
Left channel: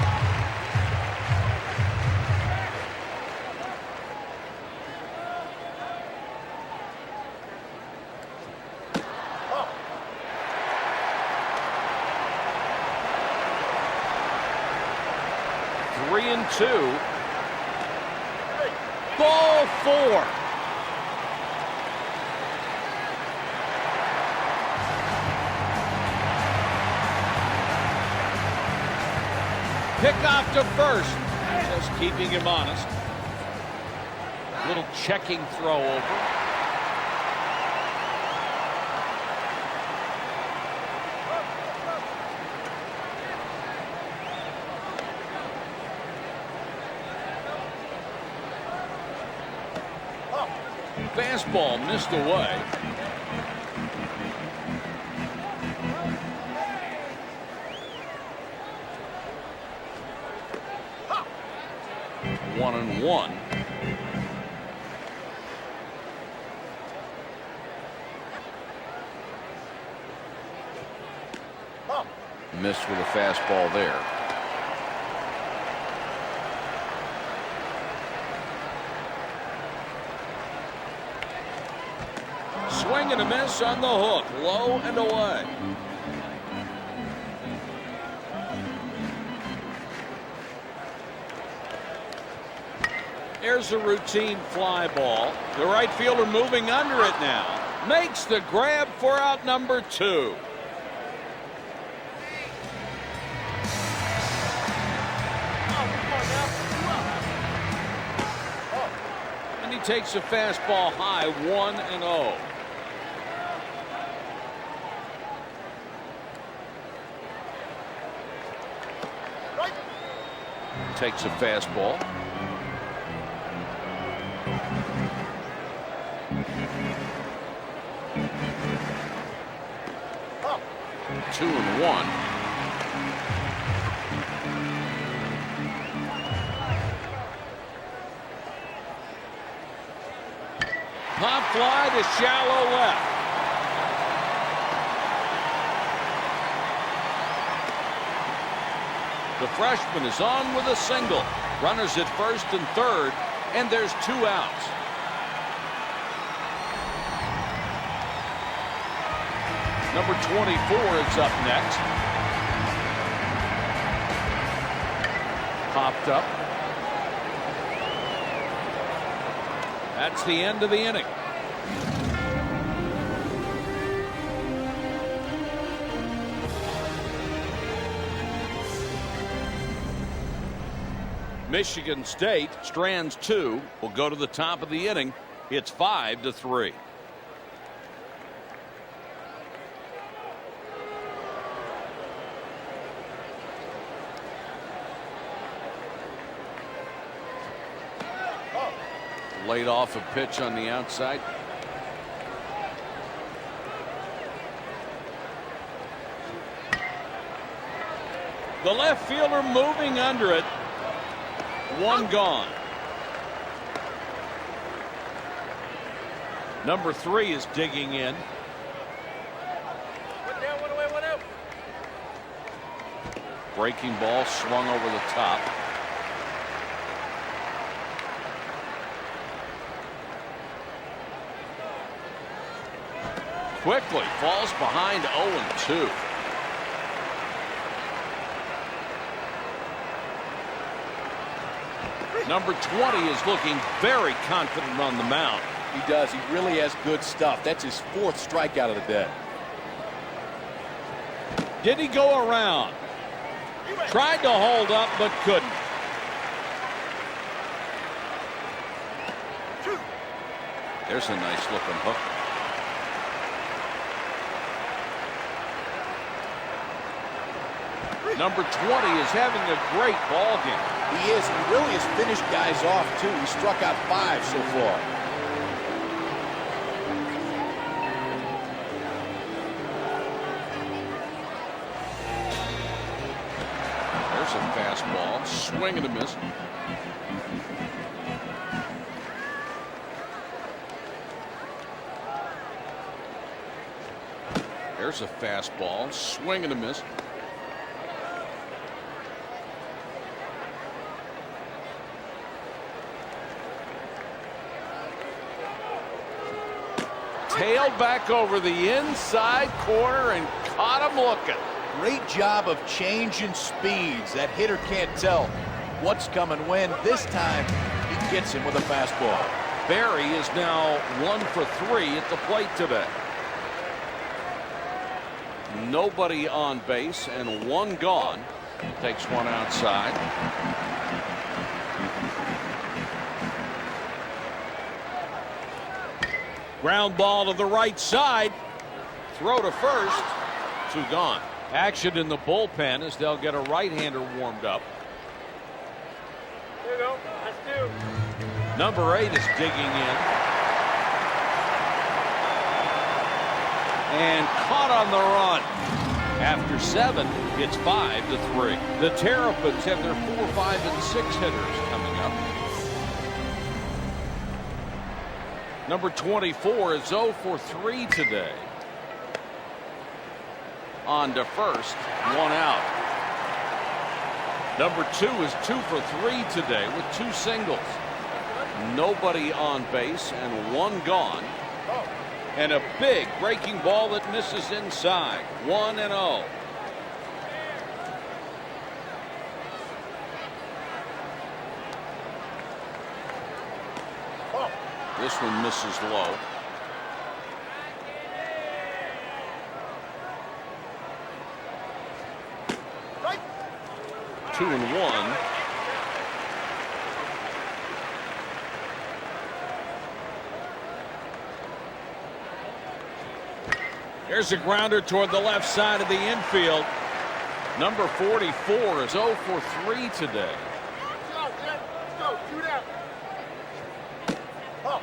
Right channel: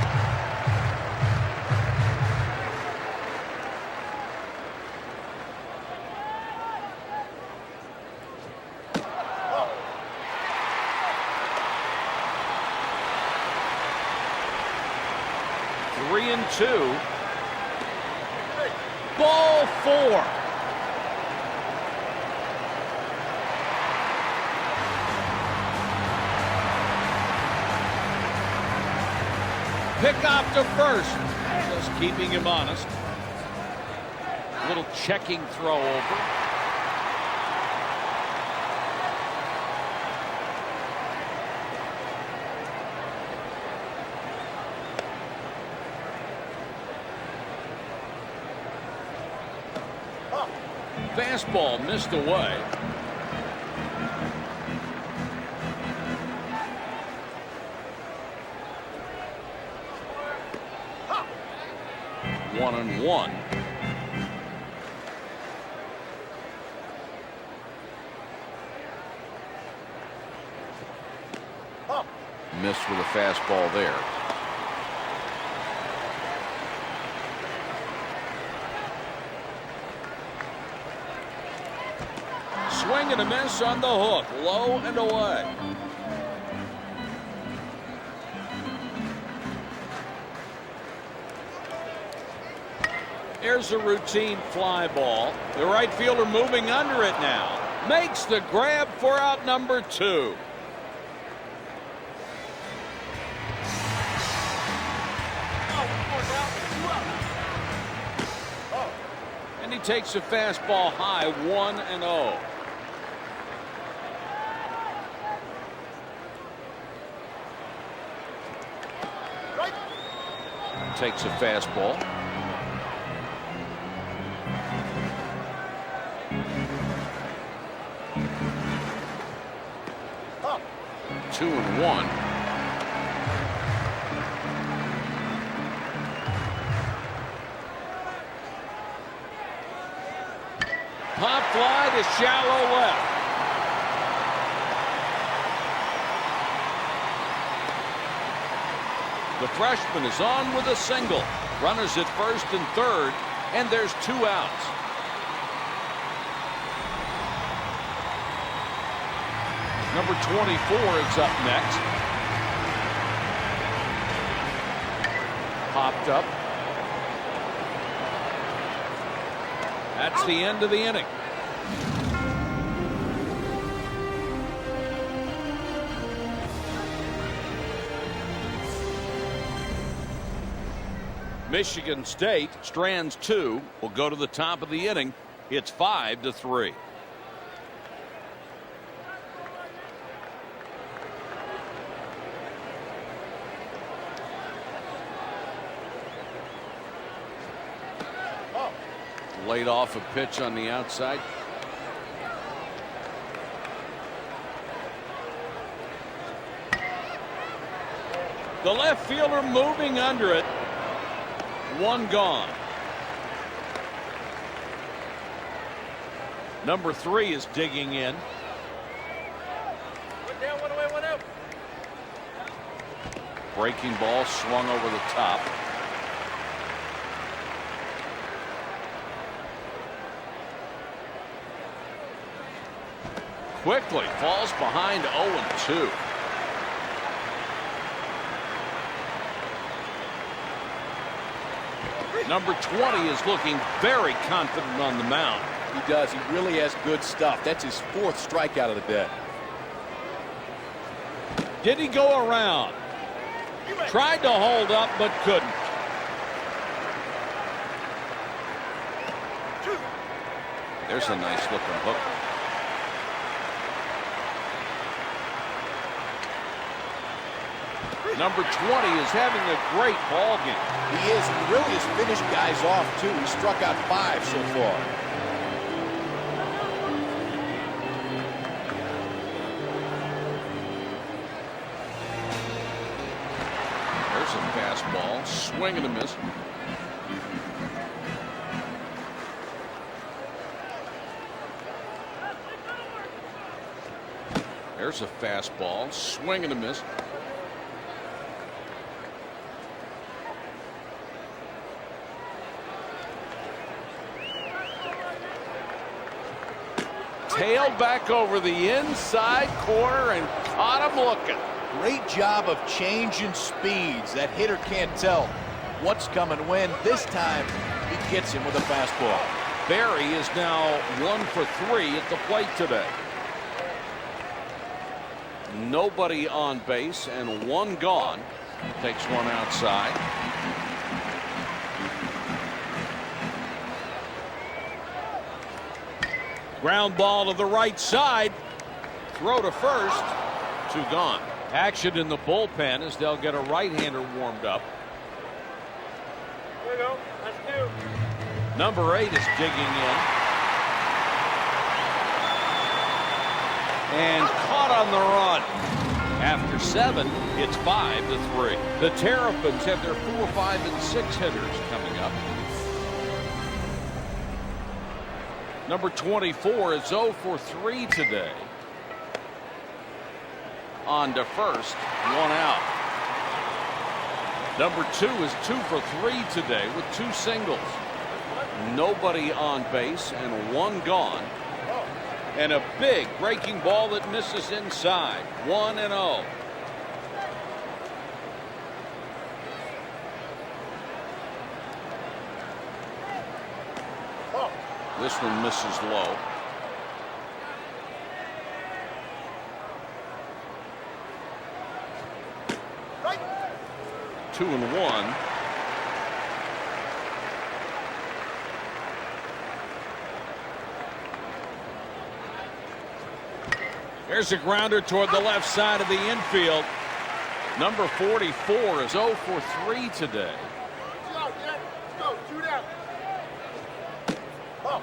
Three and 2. Ball 4. Pick off to first. Just keeping him honest. Little checking throw over. Fastball missed away. One and 1. Missed with a fastball there. Swing and a miss on the hook, low and away. There's a routine fly ball. The right fielder moving under it now. Makes the grab for out number 2. Oh, come on now. 2 up. And he takes a fastball high, 1-0. Takes a fastball. Up. 2-1. Pop fly to shallow left. The freshman is on with a single. Runners at first and third, and there's 2 outs. Number 24 is up next. Popped up. That's the end of the inning. Michigan State strands 2. Will go to the top of the inning. It's 5-3. Laid off a pitch on the outside. The left fielder moving under it. 1 gone. Number 3 is digging in. 1 down, 1 away, 1 out. Breaking ball swung over the top. quickly falls behind 0-2. Number 20 is looking very confident on the mound. He does. He really has good stuff. That's his 4th strikeout of the day. Did he go around? Tried to hold up, but couldn't. There's a nice looking hook. Number 20 is having a great ball game. He is, and he really has finished guys off, too. He struck out 5 so far. There's a fastball, swing and a miss. There's a fastball, swing and a miss. Tailed back over the inside corner and caught him looking. Great job of changing speeds. That hitter can't tell what's coming when. This time, he gets him with a fastball. Barry is now 1 for 3 at the plate today. Nobody on base and 1 gone. Takes 1 outside. Ground ball to the right side. Throw to first. 2 gone. Action in the bullpen as they'll get a right-hander warmed up. There you go. That's 2. Number 8 is digging in. And caught on the run. After 7, it's 5-3. The Terrapins have their 4, 5, and 6 hitters coming up. Number 24 is 0 for 3 today. On to first, 1 out. Number 2 is 2 for 3 today with 2 singles. Nobody on base and 1 gone. And a big breaking ball that misses inside. 1-0. This one misses low. Right. 2-1. There's a grounder toward the left side of the infield. Number 44 is 0 for 3 today. Let's go. Shoot out. Oh.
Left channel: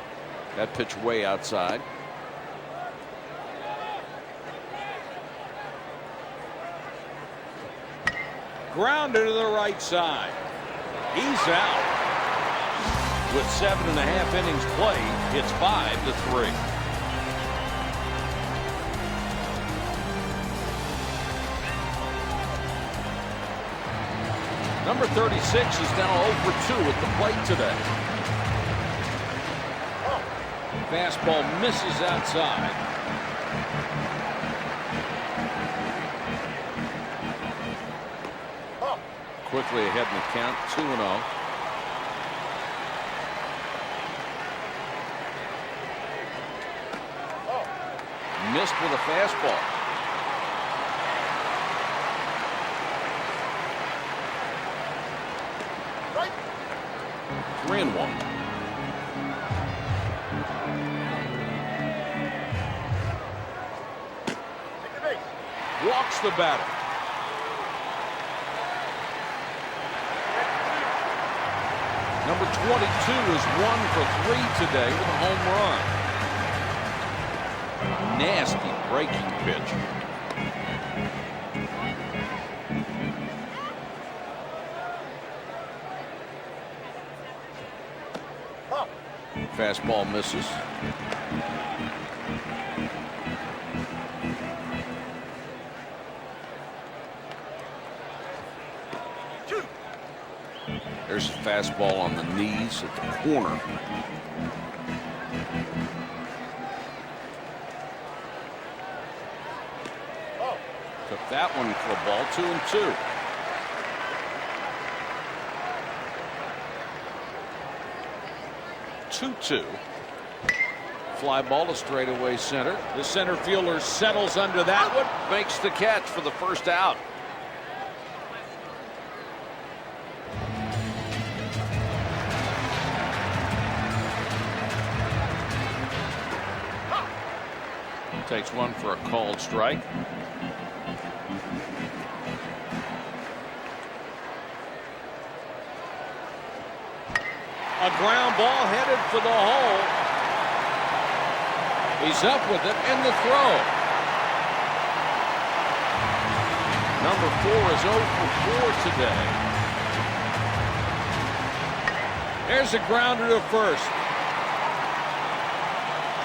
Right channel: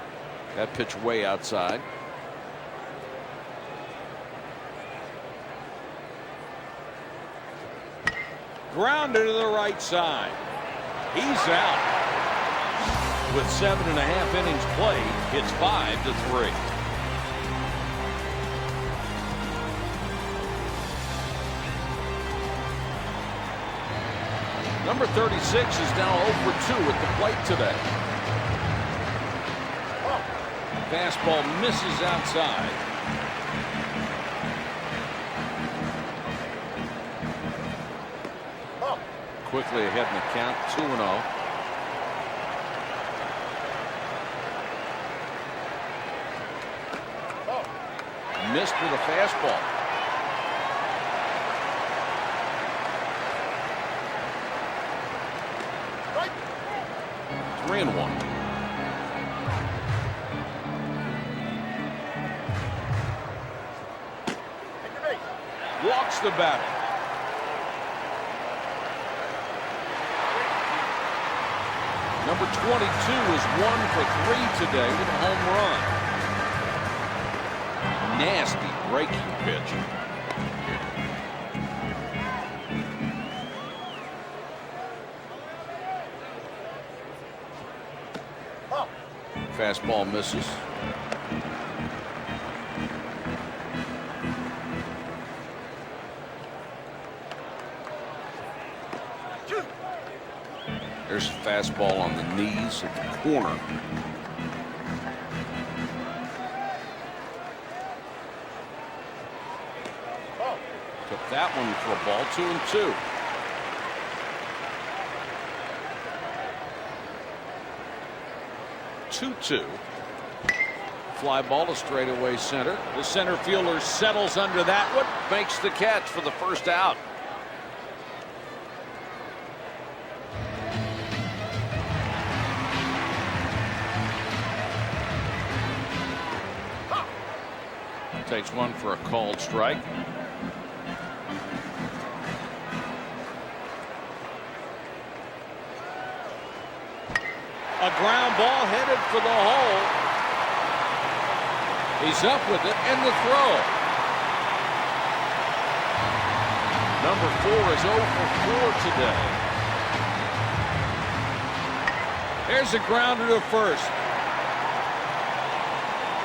That pitch way outside. Grounder to the right side. He's out. With 7.5 innings played, it's 5-3. Number 36 is now 0 for 2 at the plate today. Fastball misses outside. Quickly ahead in the count, 2-0. Missed with a fastball. Right. 3-1. Take the base. Walks the batter. Number 22 is 1 for 3 today with a home run. Nasty breaking pitch. Fastball misses. There's a fastball on the knees at the corner. Took that one for a ball. 2-2. Fly ball to straightaway center. The center fielder settles under that one, makes the catch for the first out. Takes one for a called strike. A ground ball headed for the hole. He's up with it and the throw. Number 4 is 0 for 4 today. There's a grounder to first.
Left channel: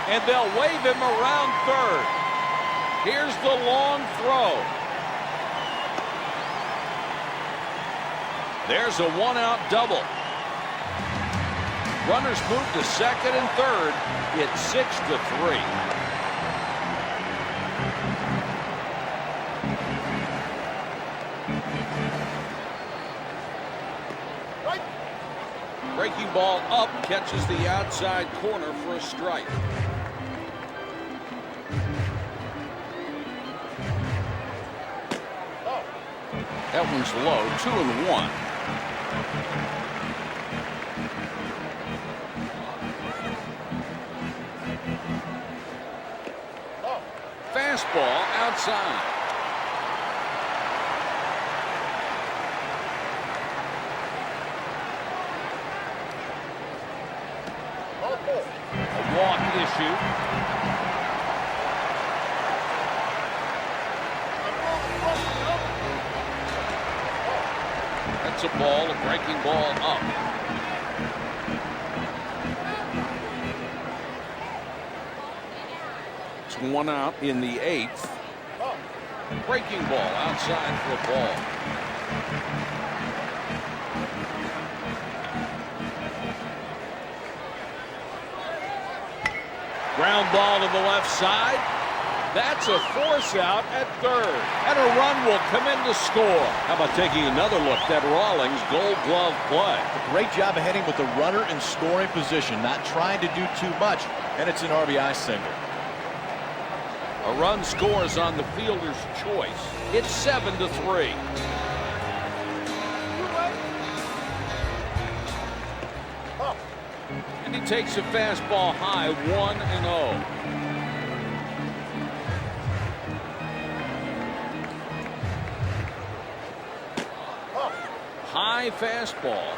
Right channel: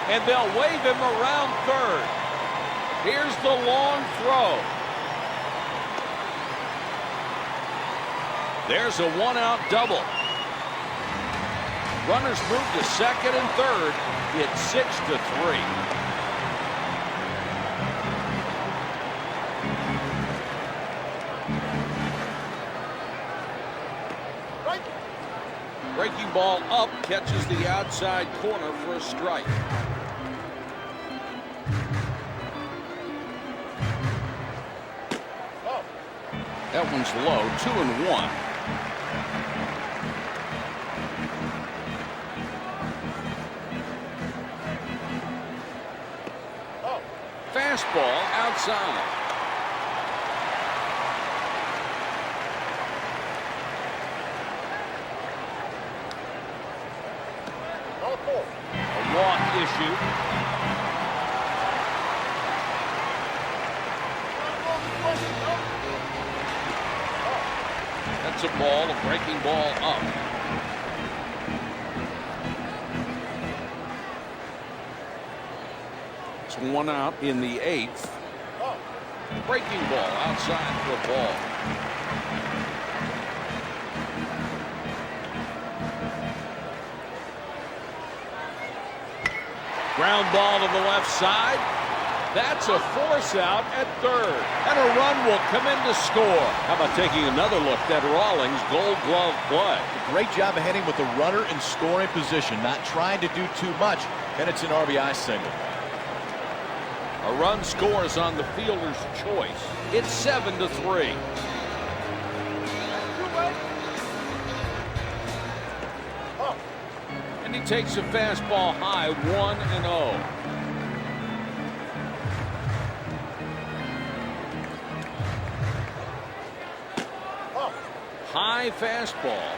And they'll wave him around third. Here's the long throw. There's a one-out double. Runners move to second and third. It's 6-3. Right. Breaking ball up, catches the outside corner for a strike. Oh. That one's low. 2-1. Fastball outside. Ball 4. A walk issue. Gotta roll the bucket up. Oh. That's a ball, a breaking ball up. It's one out in the 8th. Oh. Breaking ball outside for a ball. Ground ball to the left side. That's a force out at third. And a run will come in to score. How about taking another look at Rawlings' Gold Glove play? It's a great job of hitting with the runner in scoring position, not trying to do too much, and it's an RBI single. A run scores on the fielder's choice. It's 7-3. That's 2 away. Oh. And he takes a fastball high, 1-0. Oh. High fastball.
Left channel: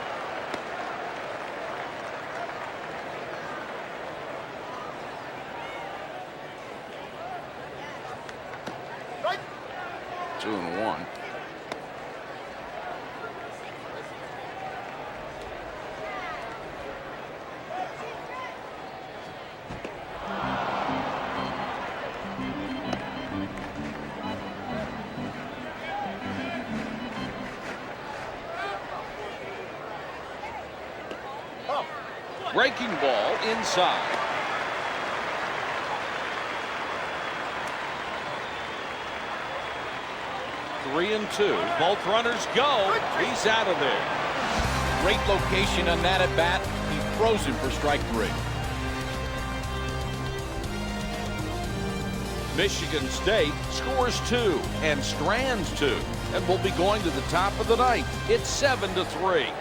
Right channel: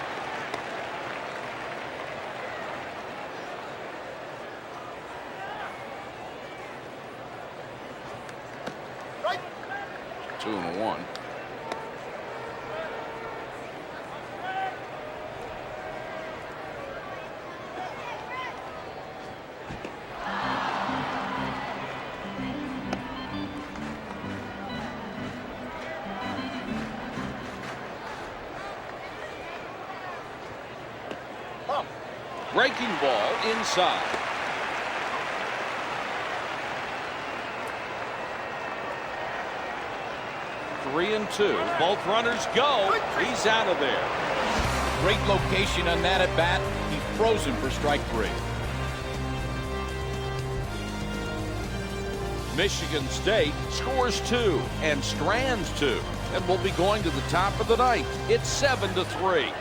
Right. 2-1. Oh. Breaking ball inside. Three and 2. Both runners go. He's out of there. Great location on that at bat. He throws him for strike 3. Michigan State scores 2 and strands 2. And will be going to the top of the ninth. It's 7-3.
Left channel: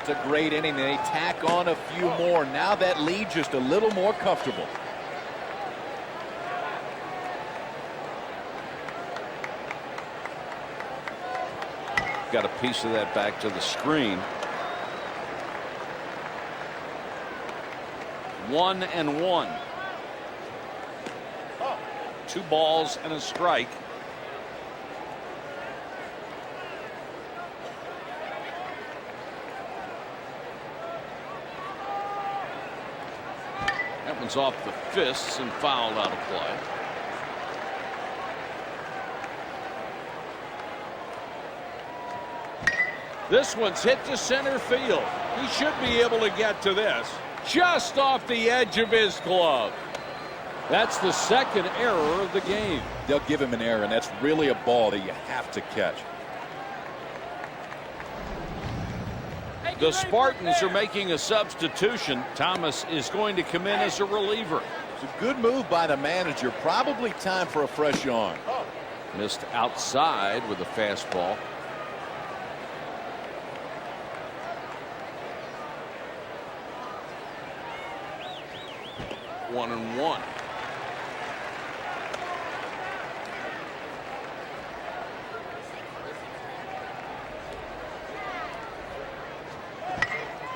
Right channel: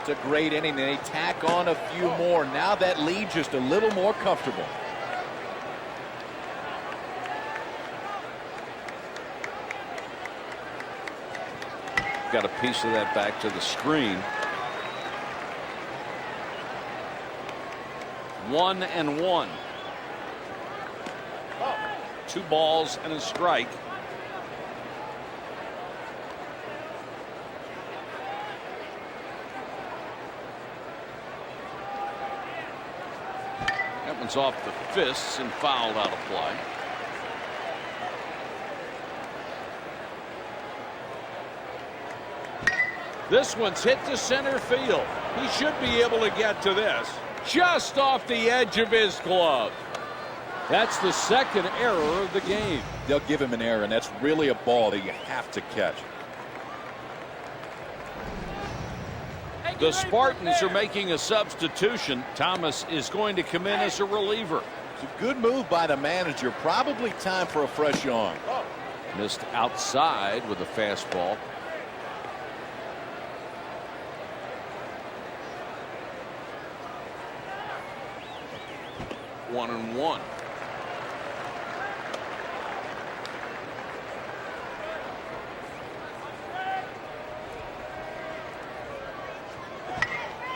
It's a great inning. They tack on a few more. Now that lead just a little more comfortable. Got a piece of that back to the screen. 1-1. Oh. 2 balls and a strike. That one's off the fists and fouled out of play. This one's hit to center field. He should be able to get to this. Just off the edge of his glove. That's the second error of the game. They'll give him an error, and that's really a ball that you have to catch. The Spartans are making a substitution. Thomas is going to come in as a reliever. It's a good move by the manager. Probably time for a fresh arm. Missed outside with a fastball. One and one.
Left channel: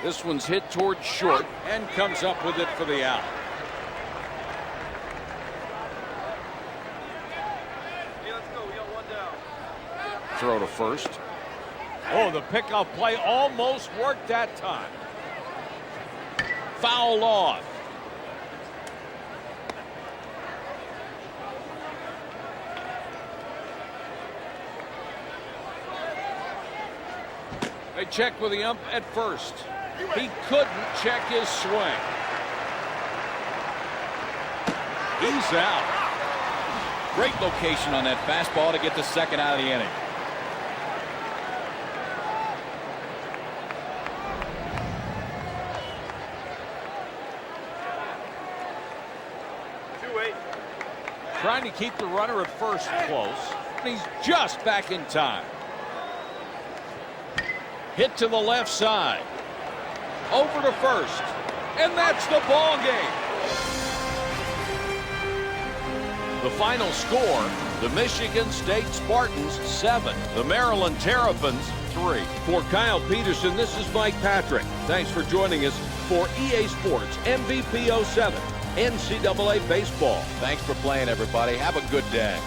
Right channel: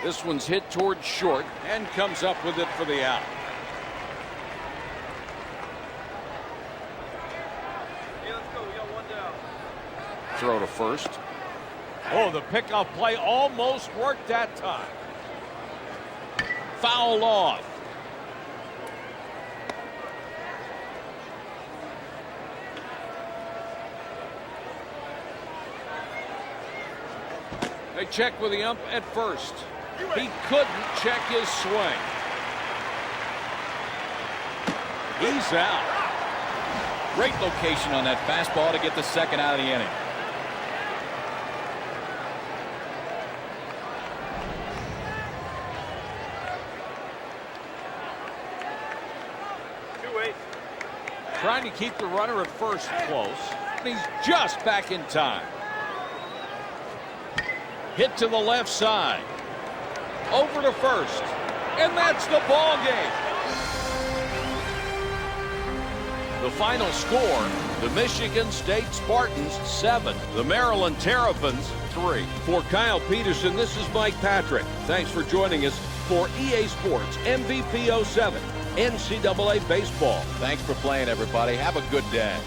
This one's hit towards short and comes up with it for the out. Hey, let's go. We got one down. Throw to first. Oh, the pickoff play almost worked that time. Foul off. They check with the ump at first. He couldn't check his swing. He's out. Great location on that fastball to get the second out of the inning. Trying to keep the runner at first close. He's just back in time. Hit to the left side. Over to first. And that's the ball game. The final score, the Michigan State Spartans 7, the Maryland Terrapins 3. For Kyle Peterson, this is Mike Patrick. Thanks for joining us for EA Sports MVP 07 NCAA Baseball. Thanks for playing, everybody. Have a good day.